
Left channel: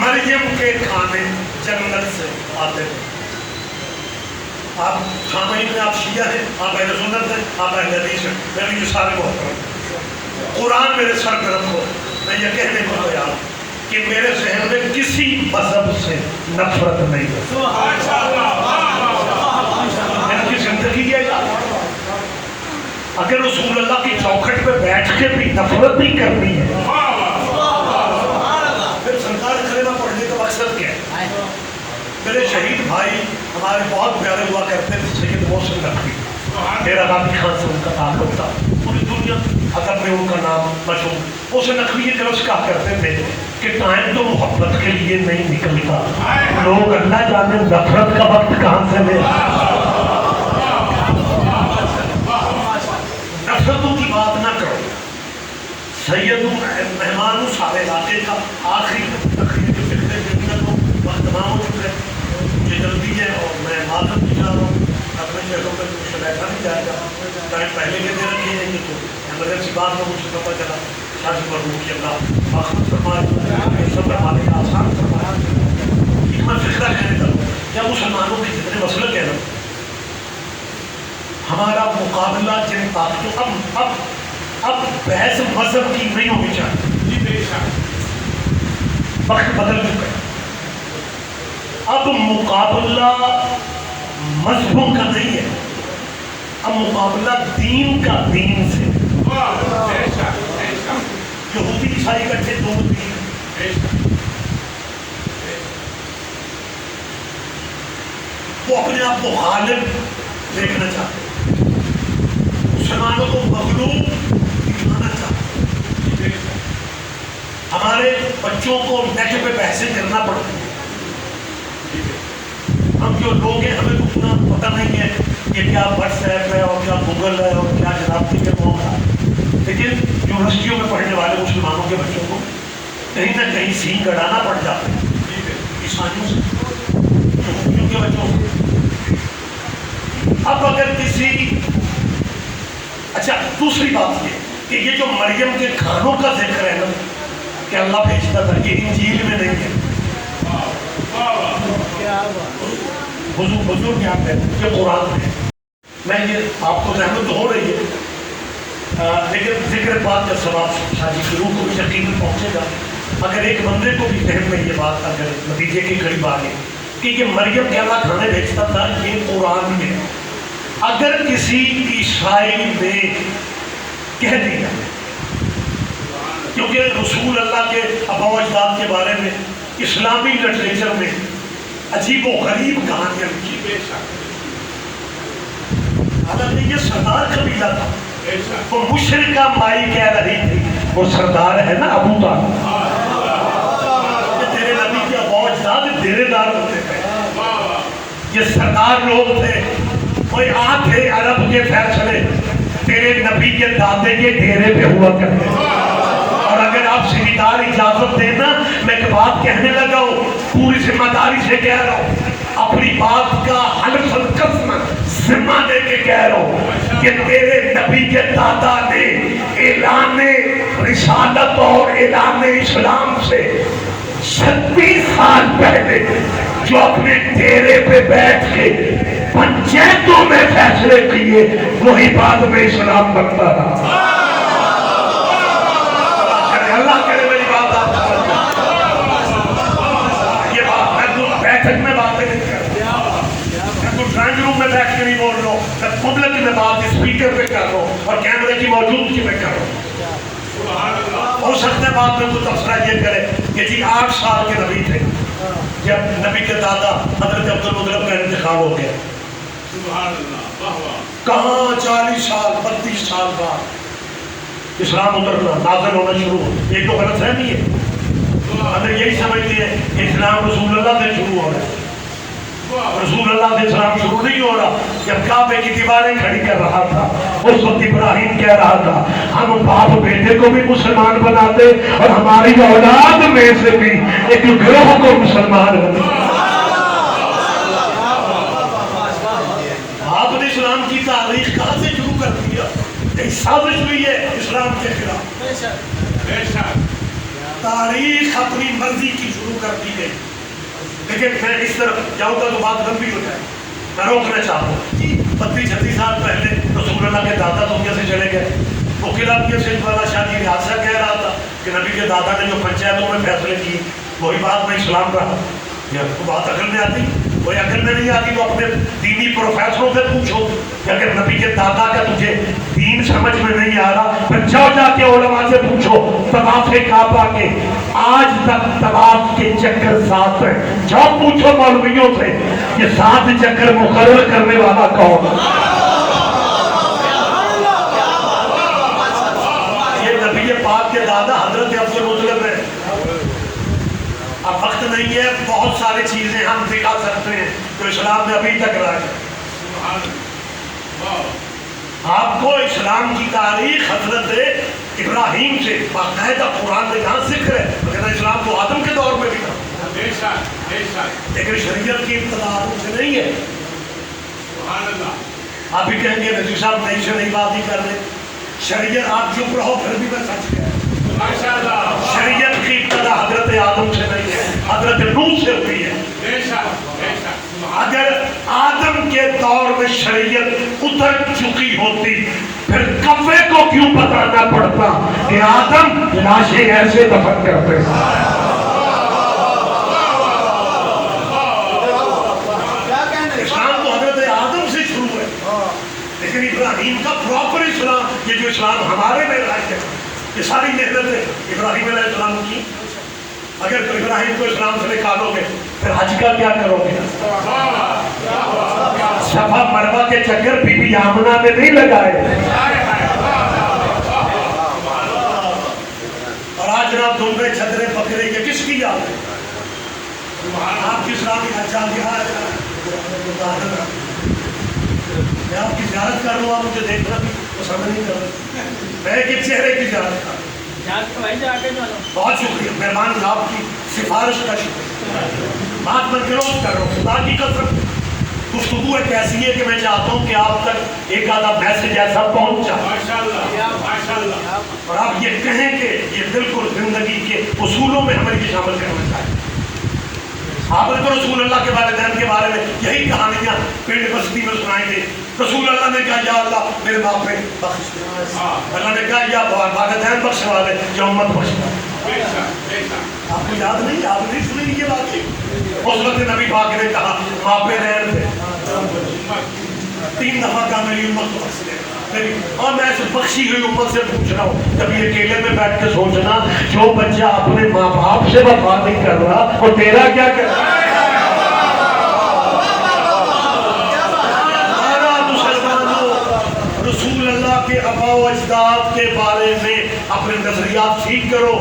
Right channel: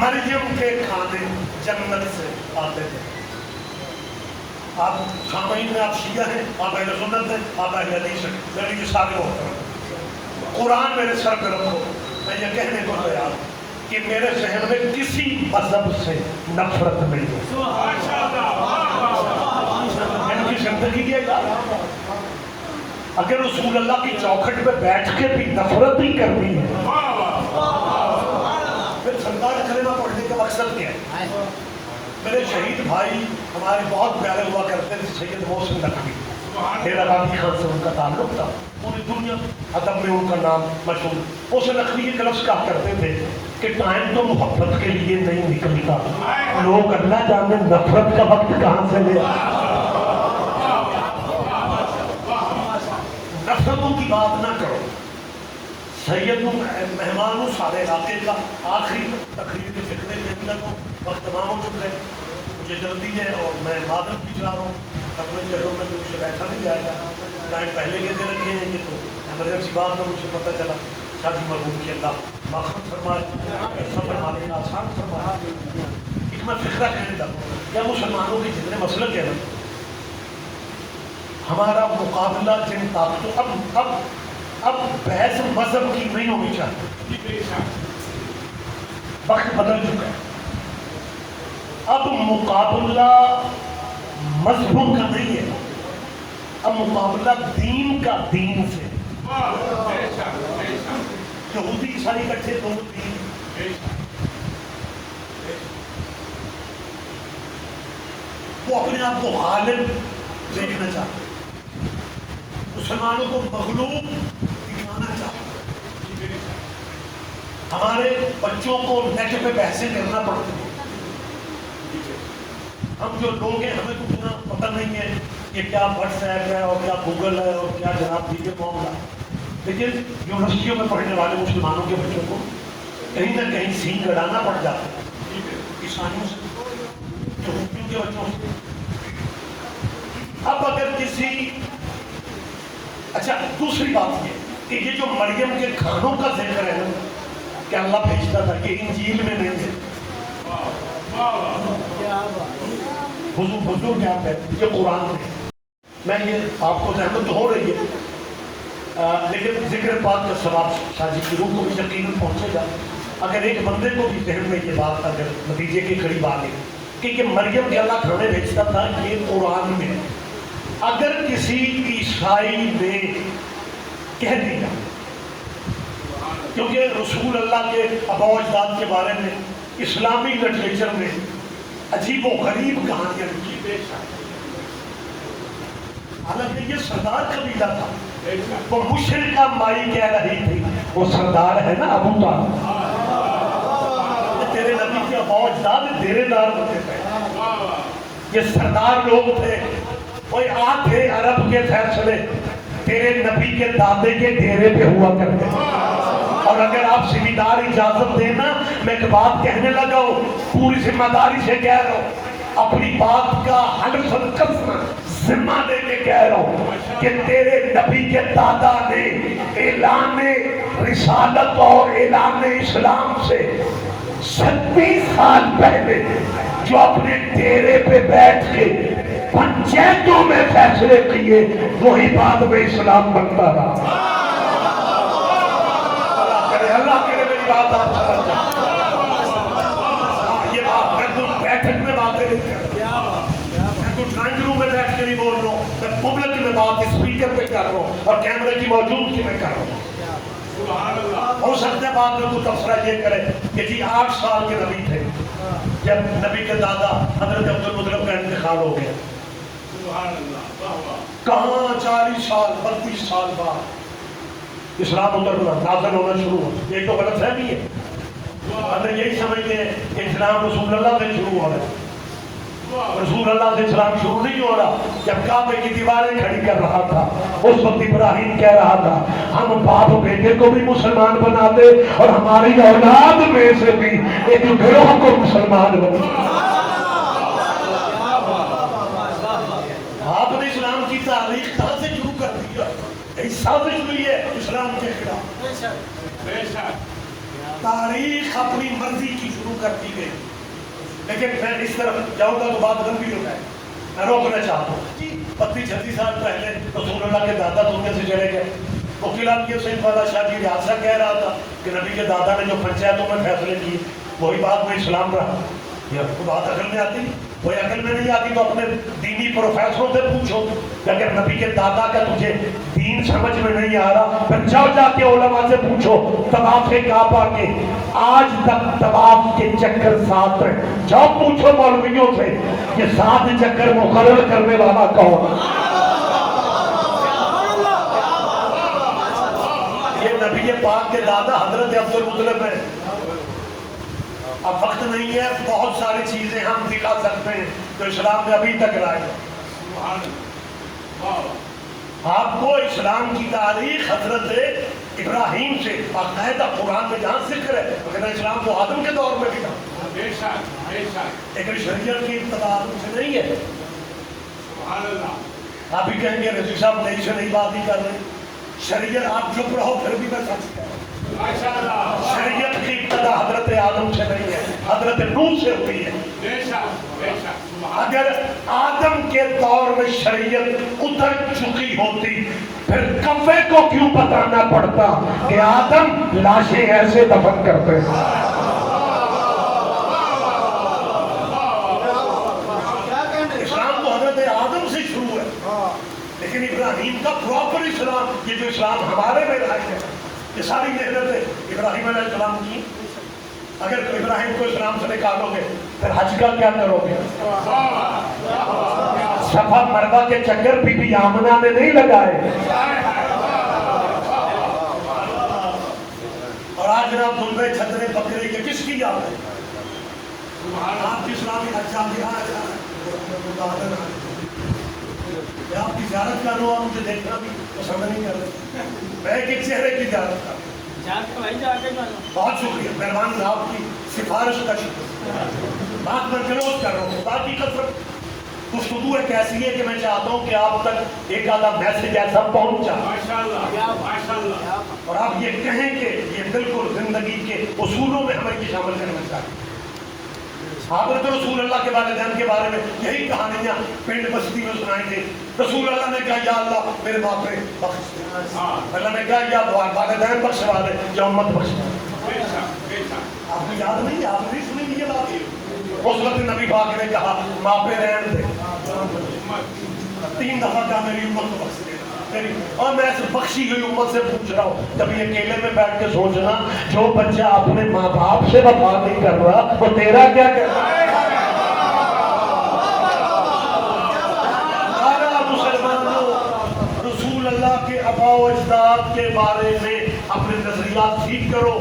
مریم کے کھانے جنت سے آتے تھے. آپ سامعین میں آپ شیعہ ہیں، آپ اہل سنت ہیں، آپ اہل حدیث ہیں، میرے یہ سارے محترم قرآن میرے سر طرف ہو. میں یہ کہنے کو تیار کہ میرے ذہن میں کسی مذہب سے نفرت نہیں ہے. میں نے کی زندگی کیا یاد، اگر رسول اللہ کی چوکھٹ پہ بیٹھ کے بھی نفرت نہیں کرنی ہے، مقصد کیا ہے؟ میرے شہید بھائی ہمارے بہت پیارے ہوا کرتے تھے، سید محسن نقوی، میرا غازی خان سے ان کا تعلق تھا، پوری دنیا ادب میں ان کا نام مشہور. محسن نقوی یہ لفظ کہا کرتے تھے کہ ٹائم تو محبت کے لیے نہیں نکلتا، لوگ اللہ جانے نفرت کا وقت کہاں سے لے. نفرتوں کی بات نہ کرو. سید مہمان سارے علاقے کا آخری تقریر وقت تمام ہو چکا ہے، مجھے جلدی ہے اور میں معذرت بھی چاہ رہا ہوں. اپنے شہروں میں تو مجھے بیٹھا نہیں جائے گا، ٹائم پہلے کے دے رکھے ہیں. یہ تو ایمرجنسی بات میں مجھے پتہ چلا. شاید مرحوم کی اللہ باخت فرمائے، سب فرمانے کا آسان فرمائے. ایک میں فکرہ کہنے لگا کیا مسلمانوں کے جتنے مسلک ہیں نا، ہمارا مقابلہ جن طاقتوں اب بحث مذہب کی نہیں ہونی چاہیے. وقت بدل چکا ہے. اب مقابلہ مذہبوں کا نہیں ہے، اب مقابلہ دین کا دین سے. یہودی عیسائی کٹھے دو دین، وہ اپنے آپ کو غالب دیکھنا چاہتے ہیں، مسلمانوں کو مغلوب دکھانا چاہتے ہیں. ہمارے بچوں کو نیٹ پہ پیسے کرنا پڑتا ہے. ہم جو لوگ ہیں ہمیں اتنا پتہ نہیں ہے کہ کیا واٹس ایپ ہے اور کیا گوگل ہے اور کیا جناب کی کون ہے. لیکن یونیورسٹیوں میں پڑھنے والے مسلمانوں کے بچوں کو کہیں نہ کہیں سین کڑانا پڑ جاتا ہے عیسائیوں سے، یہودیوں کے بچوں سے. اب اگر کسی اچھا دوسری بات یہ کہ یہ جو مریم کے کھانوں کا ذکر ہے نا کہ اللہ بھیجتا تھا، یہ انجیل میں نہیں ہے. حضور کیا ہے یہ قرآن ہے. میں یہ آپ کو رحمت ہو رہی ہے، لیکن ذکر بات کا ثواب شادی کی روح کو بھی یقیناً پہنچے گا اگر ایک بندے کو بھی ذہن میں یہ بات اگر نتیجے کے قریب آ گئی کہ یہ مریم کے اللہ کھانے بھیجتا تھا. یہ قرآن میں اگر کسی عیسائی نے کہہ دیا، کیونکہ رسول اللہ کے آباء و اجداد کے بارے میں اسلامی لٹریچر میں عجیب و غریب کہانیاں لکھی. حالانکہ یہ سردار قبیلہ تھا، وہ مشرکہ مائی کہہ رہی تھی وہ سردار ہے نا ابو طالب، تیرے نبی کے آباء و اجداد ڈیرے دار ہوتے تھے، یہ سردار لوگ تھے. کوئی آتے عرب کے فیصلے تیرے نبی کے دادے کے ڈیرے پہ ہوا کرتے تھے. اور اگر آپ ذمہ دار اجازت دینا، میں ایک بات کہنے لگا ہوں، پوری ذمہ داری سے کہہ رہا ہوں، اپنی بات کا حلف القسم ذمہ دے کے کہہ رہا ہوں کہ تیرے نبی کے دادا نے اعلان رسالت اور اعلان اسلام سے 36 سال پہلے جو اپنے ڈیرے پہ بیٹھ کے پنچایتوں میں فیصلے کیے وہی بعد میں اسلام بنتا رہا. اللہ کرے میری بات آپ یہ بات میں تو بیٹھک میں باتیں نہیں کرتا, میں تو ڈرائنگ روم میں بیٹھ کے نہیں بول رہا ہوں, میں پبلک میں بات اسپیکر پہ کر رہا ہوں اور کیمرے کی موجودگی میں کر رہا ہوں. ہو سکتا ہے بات میں تو تبصرہ یہ کرے کہ جی 8 سال کے نبی تھے جب نبی کے دادا حضرت عبدالمطلب کا انتقال ہو گیا. کہاں 40 سال 32 سال بعد اسلام اترنا نازل ہونا شروع. یہ تو غلط فہمی ہے, اندر یہی سمجھتے ہیں کہ اسلام رسول اللہ سے شروع ہو رہا ہے. رسول اللہ سے اسلام شروع نہیں ہو رہا. جب کعبے کی دیواریں کھڑی کر رہا تھا اس وقت ابراہیم کہہ رہا تھا ہم باپ بیٹے کو بھی مسلمان بنا دے اور ہماری اولاد میں سے بھی ایک گروہ کو مسلمان بنا. آپ نے اسلام کی تاریخ کہاں سے شروع کر دیا؟ ایک سازش ہوئی ہے اسلام کے خلاف. تاریخ اپنی مرضی کی شروع کر دی گئی. لیکن میں اس طرف جاؤں گا تو بات لمبی ہو جائے. میں روکنا چاہتا ہوں 32-36 سال پہلے رسول اللہ کے دادا دنیا سے چلے گئے. وہ قلعہ پیر سے بادشاہ شاہ جی حادثہ کہہ رہا تھا کہ نبی کے دادا نے جو پنچایتوں میں فیصلے کی وہی بات میں اسلام رہا. یہ بات عقل میں آتی, کوئی عقل میں نہیں آتی تو اپنے دینی پروفیسروں سے پوچھو کہ اگر نبی کے دادا کا تجھے دین سمجھ میں نہیں آ رہا پھر جاؤ جا کے علماء سے پوچھو. طواف کعبہ کے آج تک طواف کے چکر 7 ہیں. جاؤ پوچھو مولویوں سے یہ 7 چکر مقرر کرنے والا کون. یہ نبی پاک کے دادا حضرت عبدالمطلب ہے. اب وقت نہیں ہے, بہت ساری چیزیں ہم دکھا سکتے ہیں تو اسلام میں ابھی تک رائے ہے. آپ کو اسلام کی تاریخ حضرت ابراہیم سے باقاعدہ قرآن میں جہاں ذکر ہے مگر اسلام تو آدم کے دور میں بھی تھا, لیکن شریعت کی ابتدا آدم سے نہیں ہے. آپ بھی کہیں گے رضی صاحب نئی سے نئی بات ہی کر رہے. شریعت آپ چپ رہو پھر بھی میں سچ کہہ. شریعت کی ابتدا حضرت آدم سے نہیں ہے, حضرت نوح سے ہوئی ہے. اگر آدم کے دور میں شریعت اتر چکی ہوتی پھر کفے کو کیوں بتانا پڑتا کہ آدم لاشیں ایسے دفن کرتے ہیں. اسلام تو حضرت آدم سے شروع ہے, لیکن ابراہیم کا پراپر اسلام, یہ جو اسلام ہمارے میں آئے ہیں یہ ساری محنتیں ابراہیم علیہ السلام کی. اگر تو ابراہیم کو اسلام سے نکالو گے پھر حج کا کیا کرو گے؟ صفا مروہ کے چکر بی بی آمنہ نے نہیں لگائے. اور آج جناب دنبے چھترے بکرے یہ کس کی یاد ہے؟ آپ کی اسلامی احسان دکھایا جائے. میں آپ کی زیارت کر رہا ہوں, مجھے دیکھنا بھی پسند نہیں کر رہا. میں ایک چہرے کی زیارت کر رہا ہوں. بہت شکریہ, مہربان آپ کی سفارش کا شکریہ. آج میں گروز کر رہا ہوں. خدا کی قسم گفتگو ایک ایسی ہے کہ میں چاہتا ہوں کہ آپ تک ایک آدھا میسج ایسا پہنچ جائے اور آپ یہ کہیں کہ یہ بالکل زندگی کے اصولوں میں ہمیں یہ شامل کرنا چاہیے. آپ نے تو رسول اللہ کے والدین کے بارے میں یہی کہانیاں پنڈ بستی میں سنائی تھی. رسول اللہ نے کہا یا اللہ میرے باپ پہ بخش دے. اللہ نے کہا یا والدین بخشوا دے یا امت بخش دے. آپ کو یاد نہیں, آپ نہیں سنی یہ بات. اس وقت نبی پاک نے کہا ماں پہ رہن دے. 3 دفعہ کہا میری امت کو بخش دے. اور میں اس بخشی ہوئی امت سے پوچھ رہا ہوں, جب یہ اکیلے میں بیٹھ کے سوچنا جو بچہ اپنے ماں باپ سے وفا نہیں کر رہا وہ تیرا کیا کر رہا ہے. رسول اللہ کے آباء و اجداد کے بارے میں اپنے نظریات ٹھیک کرو.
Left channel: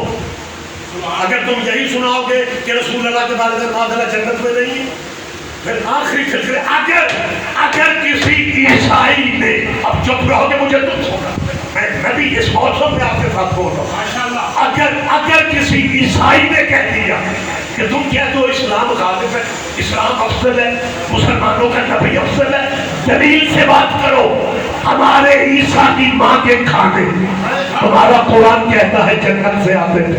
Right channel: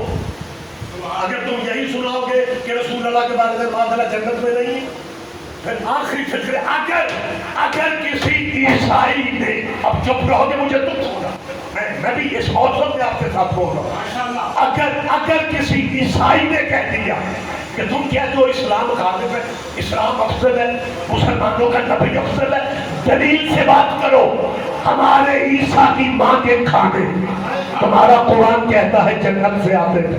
اگر تم یہی سناؤ گے کہ رسول اللہ کے بارے میں معاملہ جنت میں نہیں ہے پھر آخری فکر اگر کسی عیسائی نے, اب چپ رہو کہ مجھے تم سونا, میں بھی اس موضوع پہ آپ کے ساتھ بول رہا ہوں. اگر کسی عیسائی نے کہہ دیا کہ تم کہتے ہو اسلام غالب ہے, اسلام افضل ہے, مسلمانوں کا نبی افضل ہے, دلیل سے بات کرو. ہمارے عیسیٰ کی ماں کے کھانے تمہارا قرآن کہتا ہے جنت سے آتے تھے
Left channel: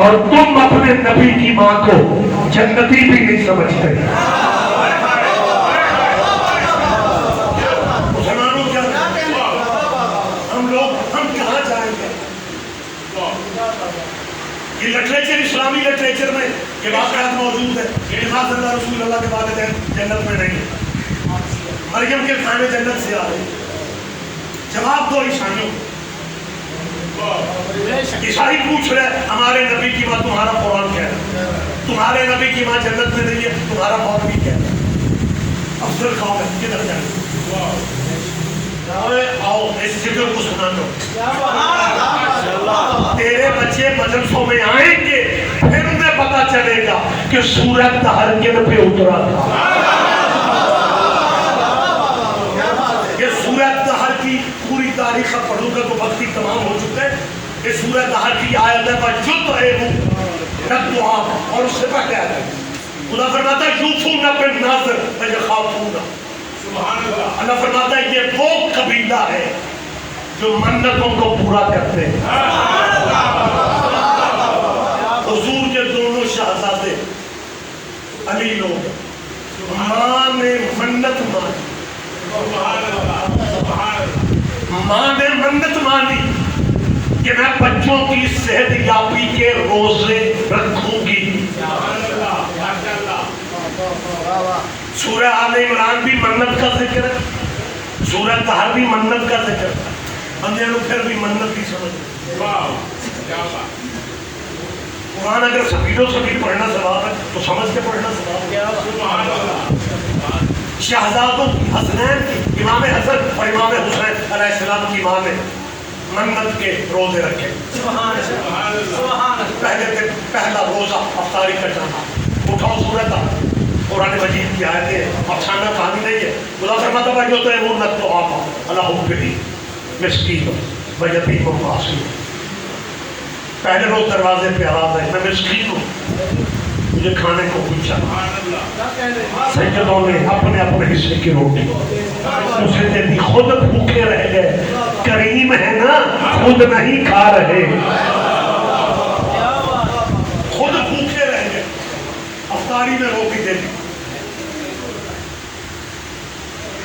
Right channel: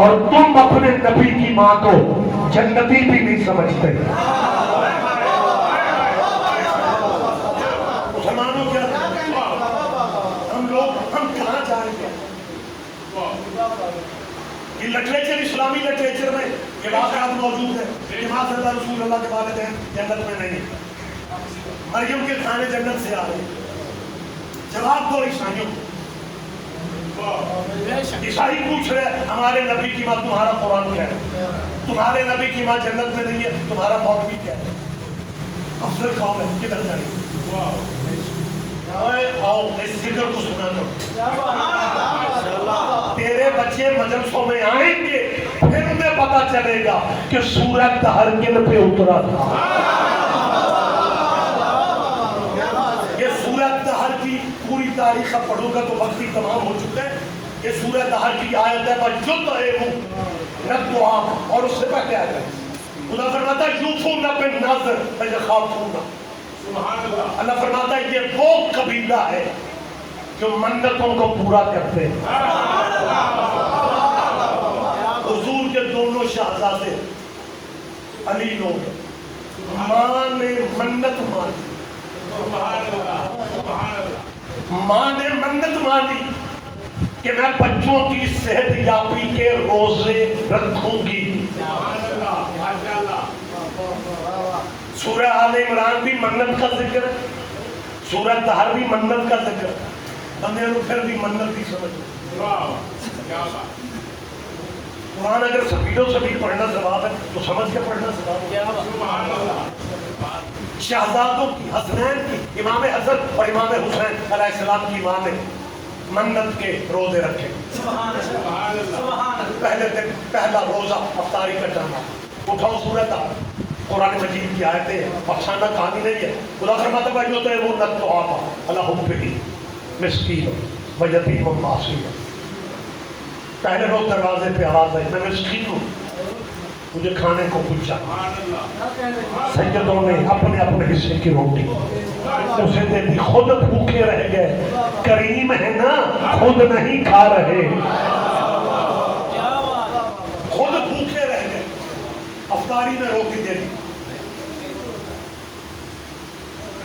اور تم اپنے نبی کی ماں کو جنتی بھی نہیں سمجھتے. مسلمانوں کیا ہم کہاں جائیں گے؟ یہ لٹریچر، اسلامی لٹریچر میں یہ واقعات موجود ہے کہ اللہ رسول اللہ کے والدین جنت میں نہیں، مریم کے کھانے جنت سے آ رہے. جواب دو عیسائیوں. عیسائی پوچھ رہے ہمارے نبی کی ماں، تمہارا قرآن کیا ہے؟ تمہارے نبی کی ماں جنت میں نہیں ہے، تمہارا مولوی کیا ہے؟ افضل قوم ہے، کدھر جائیں؟ آؤ اس ذکر کو سنا دو. تیرے بچے مدرسوں میں آئیں گے، پھر انہیں پتا چلے گا کہ سورت دہر کن پہ اترا تھا. یہ سورت دہر کی پوری تاریخ اب پڑھوں گا تو وقت تمام ہو چکا ہے. یہ سورت دہر کی آیت ہے اور اس سے پہلے آیت ہے. خدا فرماتا ہے یوفون بالنذر ویخافون. اللہ فرماتا ہے یہ وہ قبیلہ ہے جو منتوں کو پورا کرتے ہیں. حضور کے دونوں شہزادے علی لوگ، ماں نے منت مانی، ماں نے منت مانی کہ میں بچوں کی صحت یابی کے روزے رکھوں گی. سورہ آل عمران بھی منت کا ذکر ہے، سورہ طہر بھی منت کا ذکر ہے. بندے نے پھر بھی منت ہی سمجھ. قرآن اگر سبیل و سبیل پڑھنا ثواب ہے تو سمجھ کے پڑھنا ثواب ہے. شہزادوں حسنین کی، امام حسن اور امام حسین علیہ السلام کی ماں نے منت کے روزے رکھے. پہلے دن پہلا روزہ افطاری کا جانا. اٹھاؤ سورت قرآن مجید کی آیتیں، افسانہ کہانی نہیں ہے. خدا فرماتا ہے یطعمون الطعام علی حبہ مسکین و یتیم و اسیر. پہلے روز دروازے پہ آواز ہے میں مسکین ہوں، مجھے کھانے کو پوچھا. سیدوں نے اپنے اپنے حصے کی روٹی اسے دے دی. خود بھوکے رہ گئے. کریم ہے نا، خود نہیں کھا رہے، خود بھوکے رہ گئے. افطاری میں روٹی دے دی.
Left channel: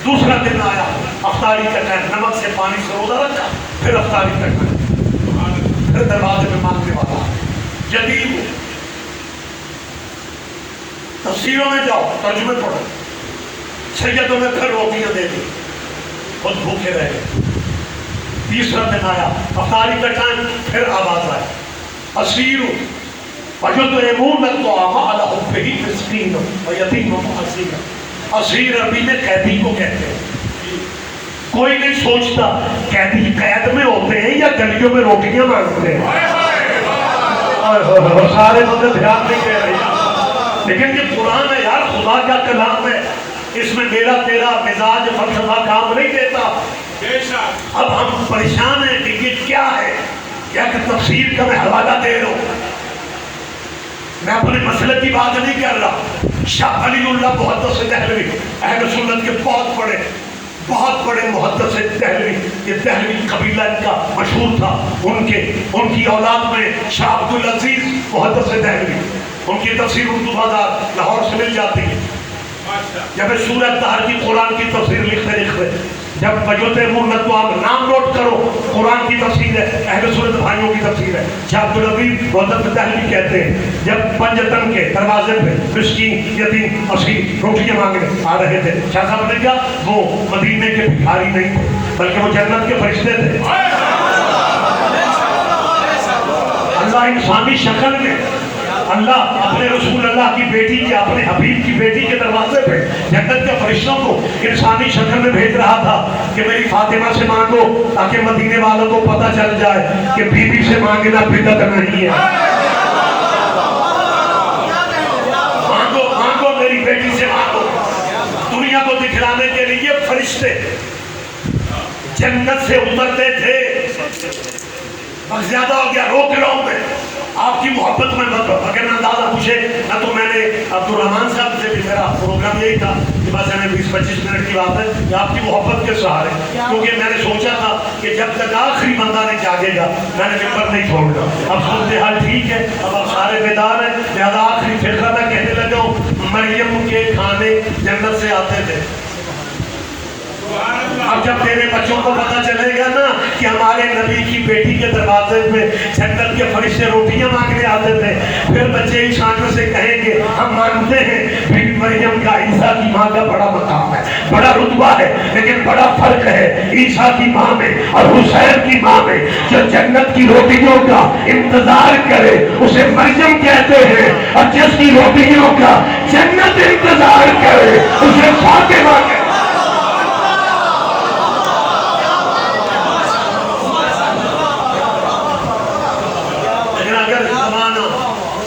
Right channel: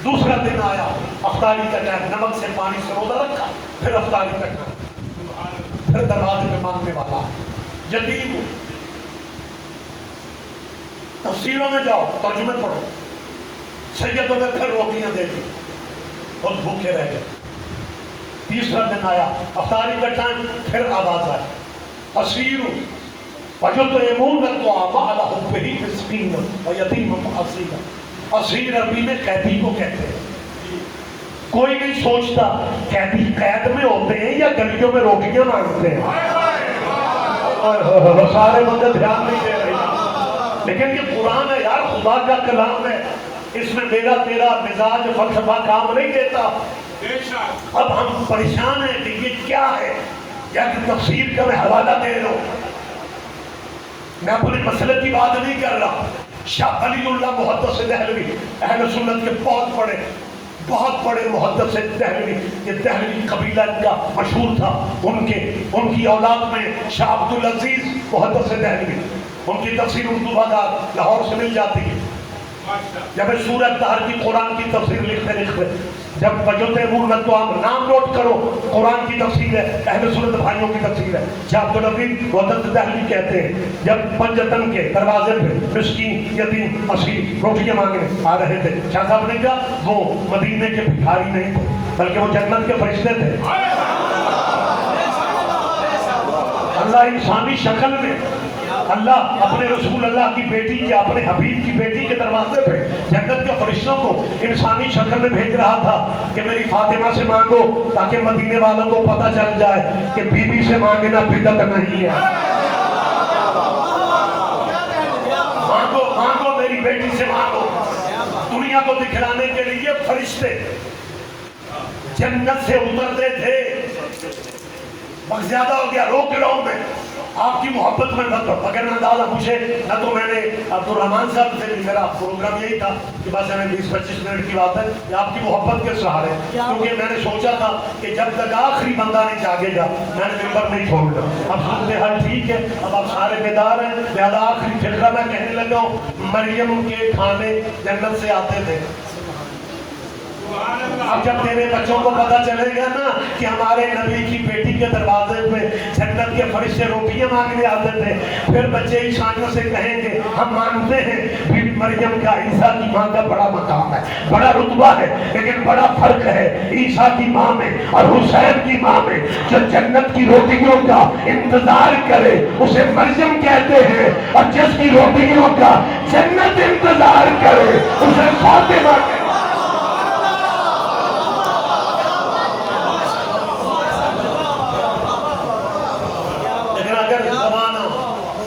دوسرا دن آیا، افطاری کا ٹائم، نمک سے پانی سے روزہ رکھا، پھر افطاری کا ٹائم. پھر دروازے میں مانگنے والا یتیم. تفسیروں میں جاؤ، ترجمے پڑھو. سیدوں نے پھر روٹیاں دے دی، خود بھوکے رہ گئے. تیسرا دن آیا، افطاری کا ٹائم، پھر آواز آئی اسیر وَيُطْعِمُونَ الطَّعَامَ عَلَى حُبِّهِ مِسْكِينًا وَيَتِيمًا وَأَسِيرًا. اسیر عربی میں قیدی کو کہتے ہیں. کوئی نہیں سوچتا قیدی قید میں ہوتے ہیں یا گلیوں میں روٹیاں مانگتے ہیں. سارے بندے دھیان نہیں دے رہے. لیکن یہ قرآن ہے یار، خدا کا کلام ہے. اس میں میرا تیرا مزاج فلسفہ کام نہیں دیتا. اب ہم پریشان ہیں کہ یہ کیا ہے. یا کہ تفسیر کا میں حوالہ دے رہا ہوں، میں اپنے مسئلے کی بات نہیں کر رہا. شاہ ولی اللہ محدث دہلوی اہل سنت کے بہت بڑے محدث دہلوی. یہ دہلوی قبیلہ ان کا مشہور تھا. ان کی اولاد میں شاہ عبدالعزیز محدث دہلوی، ان کی تفسیر اردو بازار لاہور سے مل جاتی ہے. جب سورت طہر کی قرآن کی تفسیر لکھتے جب یطعمون الطعام نام نوٹ کرو، قرآن کی تفسیر ہے، اہل سنت بھائیوں کی تفسیر ہے. شاہ عبدالعزیز محدث دہلوی کہتے ہیں جب پنجتن کے دروازے پہ مسکین یتیم اسیر روٹیاں مانگنے آ رہے تھے، شاہ صاحب نے کہا وہ مدینے کے بھکاری نہیں تھے بلکہ وہ جنت کے فرشتے تھے. اللہ انسانی شکل میں، اللہ اپنے رسول اللہ کی بیٹی کے، اپنے حبیب کی بیٹی کے دروازے پہ جنت کے فرشتوں کو انسانی شکل میں بھیج رہا تھا کہ میری فاطمہ سے مانگو تاکہ مدینے والوں کو پتہ چل جائے کہ بی بی سے مانگنا بدعت نہیں ہے. مانگو میری بیٹی سے مانگو. دنیا کو دکھلانے کے لیے فرشتے جنت سے اترتے تھے. اب زیادہ ہو گیا، روک رہا ہوں میں آپ کی محبت میں. اگر نہ اندازہ پوچھے نہ تو میں نے عبد الرحمان صاحب سے بھی، میرا پروگرام یہی تھا بس ہمیں 20-25 منٹ کی بات ہے کہ آپ کی محبت کے سہارے، کیونکہ میں نے سوچا تھا کہ جب تک آخری بندہ نہیں جاگے گا میں نے ممبر نہیں چھوڑنا. اب صورتحال ٹھیک ہے، اب آپ سارے بیدار ہیں، لہٰذا آخری فرقہ میں کہنے لگا ہوں. مریم کے کھانے جنت سے آتے تھے. اب جب تیرے بچوں کو پتا چلے گا نا کہ ہمارے نبی کی بیٹی کے دروازے پہ جنت کے فرشتے روٹیاں مانگنے آتے تھے، پھر بچے ہی چھانٹوں سے کہیں گے ہم مانتے ہیں بی بی مریم کا عیسیٰ کی ماں کا بڑا مقام ہے، بڑا رتبہ ہے، لیکن بڑا فرق ہے عیسیٰ کی ماں میں اور حسین کی ماں میں. جو جنت کی روٹیوں کا انتظار کرے اسے مریم کہتے ہیں، اور جس کی روٹیوں کا جنت انتظار کرے اسے فاطمہ کہتے ہیں.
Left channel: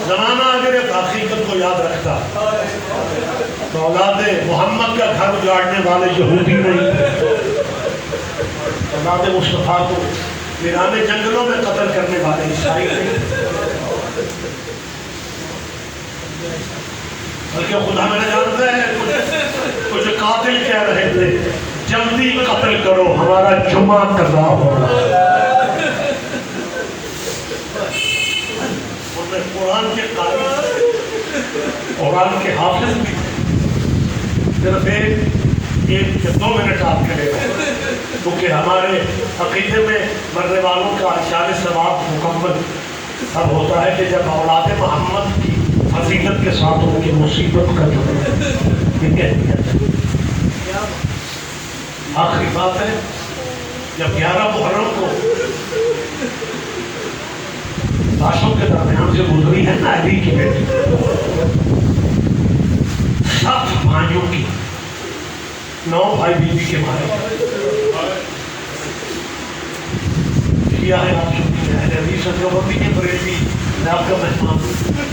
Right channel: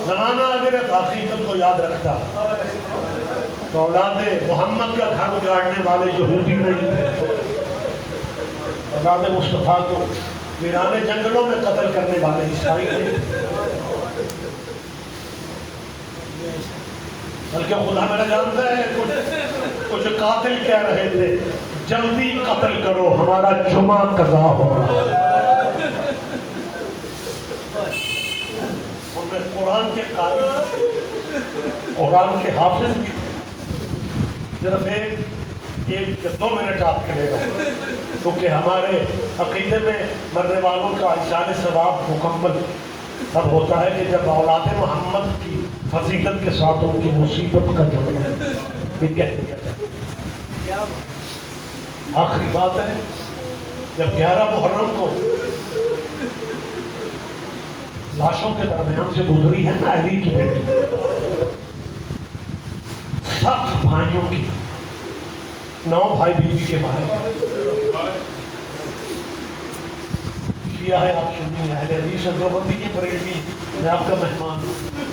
زمانہ اگر ایک حقیقت کو یاد رکھتا تو اولاد محمد کا گھر اجاڑنے والے یہودی نہیں، اولاد مصطفیٰ کو ویران جنگلوں میں قتل کرنے والے عیسائی نہیں، بلکہ خدا میرا جانتا ہے کچھ قاتل کہہ رہے تھے جلدی قتل کرو ہمارا جمعہ قضا ہوگا. قرآن کے قائل، قرآن کے حافظ بھی صرف ایک 2 منٹ آپ کرے گا، کیونکہ ہمارے عقیدے میں مرنے والوں کا اشارے ثواب مکمل تب ہوتا ہے کہ جب اولاد محمد کی فضیلت کے ساتھ ان کی مصیبت کا جڑا ہے. یہ آخری بات ہے، جب 11 محرم کو لاشوں کے درمیان سے گزری ہے نا علی کی بیٹی، 7 بھائیوں کی، 9 بھائی بیوی کے مارے کیا ہے. آپ سنی ہے حدیث نبوی کے بریلوی، میں آپ کا مہمان ہوں،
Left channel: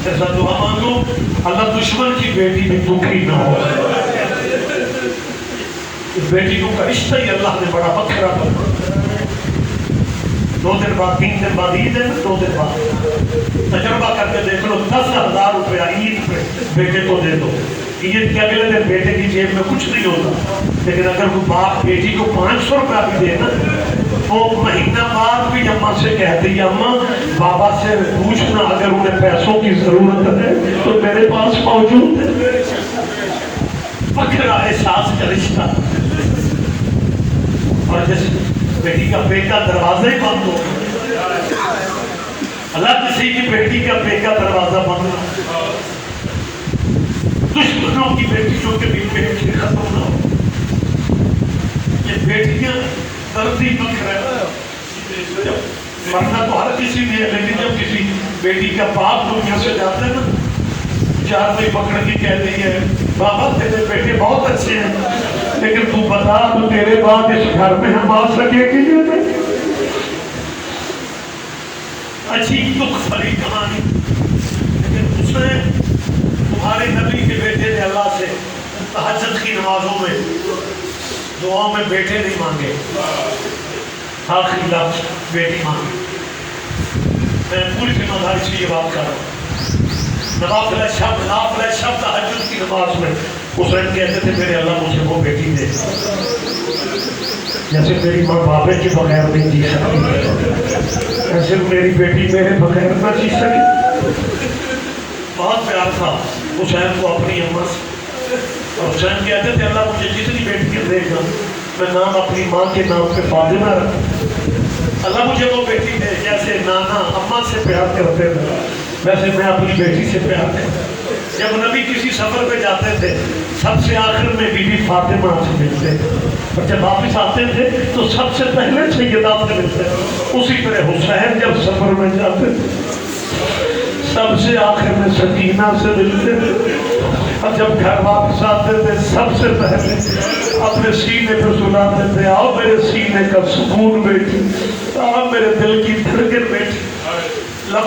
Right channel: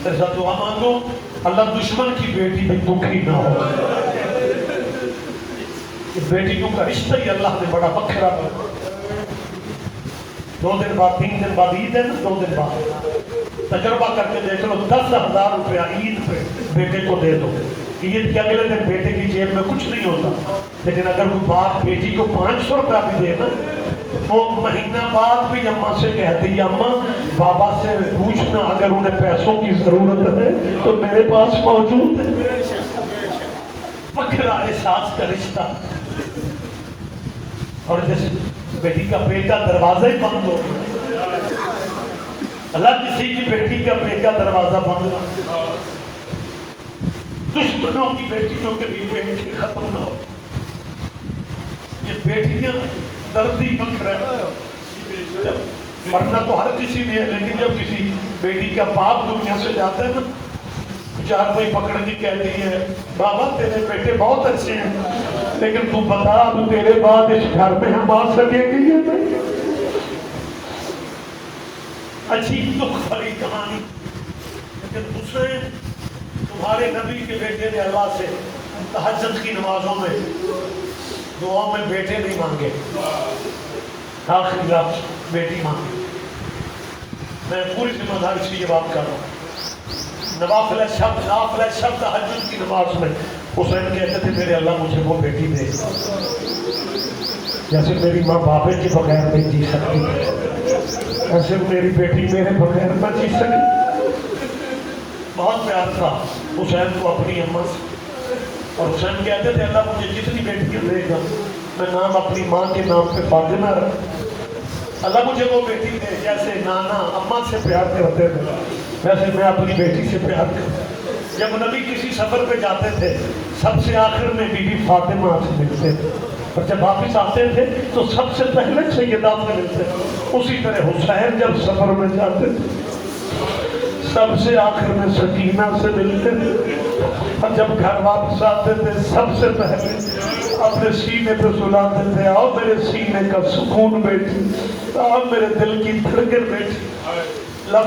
ایسا دعا مانگو اللہ دشمن کی بیٹی بھی دکھی نہ ہو. بیٹیوں کا رشتہ ہی اللہ نے بڑا پکڑا کرنا. 2 دن بعد 3 دن بعد عید ہے نا، 2 دن بعد تجربہ کر کے دیکھ لو، 10,000 روپیہ عید پہ بیٹے کو دے دو. عید کے اگلے دن بیٹے کی جیب میں کچھ نہیں ہوتا، لیکن اگر کوئی باپ بیٹی کو 500 روپیہ بھی دے نا، وہ مہینہ بعد بھی اماں سے کہتی ہے اماں بابا سے پوچھنا اگر انہیں پیسوں کی ضرورت ہے تو میرے پاس موجود ہے. پکڑا احساس کا رشتہ. اور جس بیٹی کا بیٹا دروازہ ہی بند ہو گیا، اللہ کسی کی بیٹی کا بیٹا دروازہ بند نہ، دشمنوں کی بیٹیوں کے بھی بیٹے ختم نہ ہو. یہ بیٹیاں دردی بکھ رہا ہے. مرنا تو ہر کسی نے ہے، لیکن جب کسی بیٹی کا باپ دنیا سے جاتے ہیں نا، 4 بھائی پکڑ کے کہہ رہی ہے بابا تیرے بیٹے بہت اچھے ہیں، لیکن تو بتا اب تیرے بعد اس گھر میں ہم آ سکیں گے یا نہیں. عجیب دکھ بھری کہانی، لیکن اس نے تمہارے نبی کے بیٹے نے اللہ سے تہجد کی نمازوں میں دعاؤں میں بیٹے نہیں مانگے، آخری لفظ بیٹی مانگے. میں پوری ذمہ داری سے یہ بات کر رہا ہوں. نوافل شب تہجد کی نماز میں حسین کہتے تھے میرے اللہ مجھے وہ بیٹی دے جیسے میری ماں بابے کے بغیر نہیں جی سکتی، ایسے میری بیٹی میرے بغیر نہ جی سکی. بہت پیار تھا حسین کو اپنی اماں سے، اور حسین کہتے تھے اللہ مجھے جتنی بیٹی دے گا میں نام اپنی ماں کے نام پہ فاطمہ رکھوں. اللہ مجھے وہ بیٹی دے جیسے نانا اماں سے پیار کرتے تھے ویسے میں اپنی بیٹی سے پیار کرتا. جب نبی کسی سفر پہ جاتے تھے سب سے آخر میں بی بی فاطمہ سے ملتے، اور جب واپس آتے تھے تو سب سے پہلے سیدہ سے ملتے. اسی طرح حسین جب سفر میں جاتے سب سے آخر میں سکینہ سے ملتے، اور جب گھر واپس آتے تھے سب سے پہلے اپنے سینے پر سلاتے تھے آؤ میرے سینے کا سکون بیٹی، آؤ میرے دل کی دھڑکن بیٹی.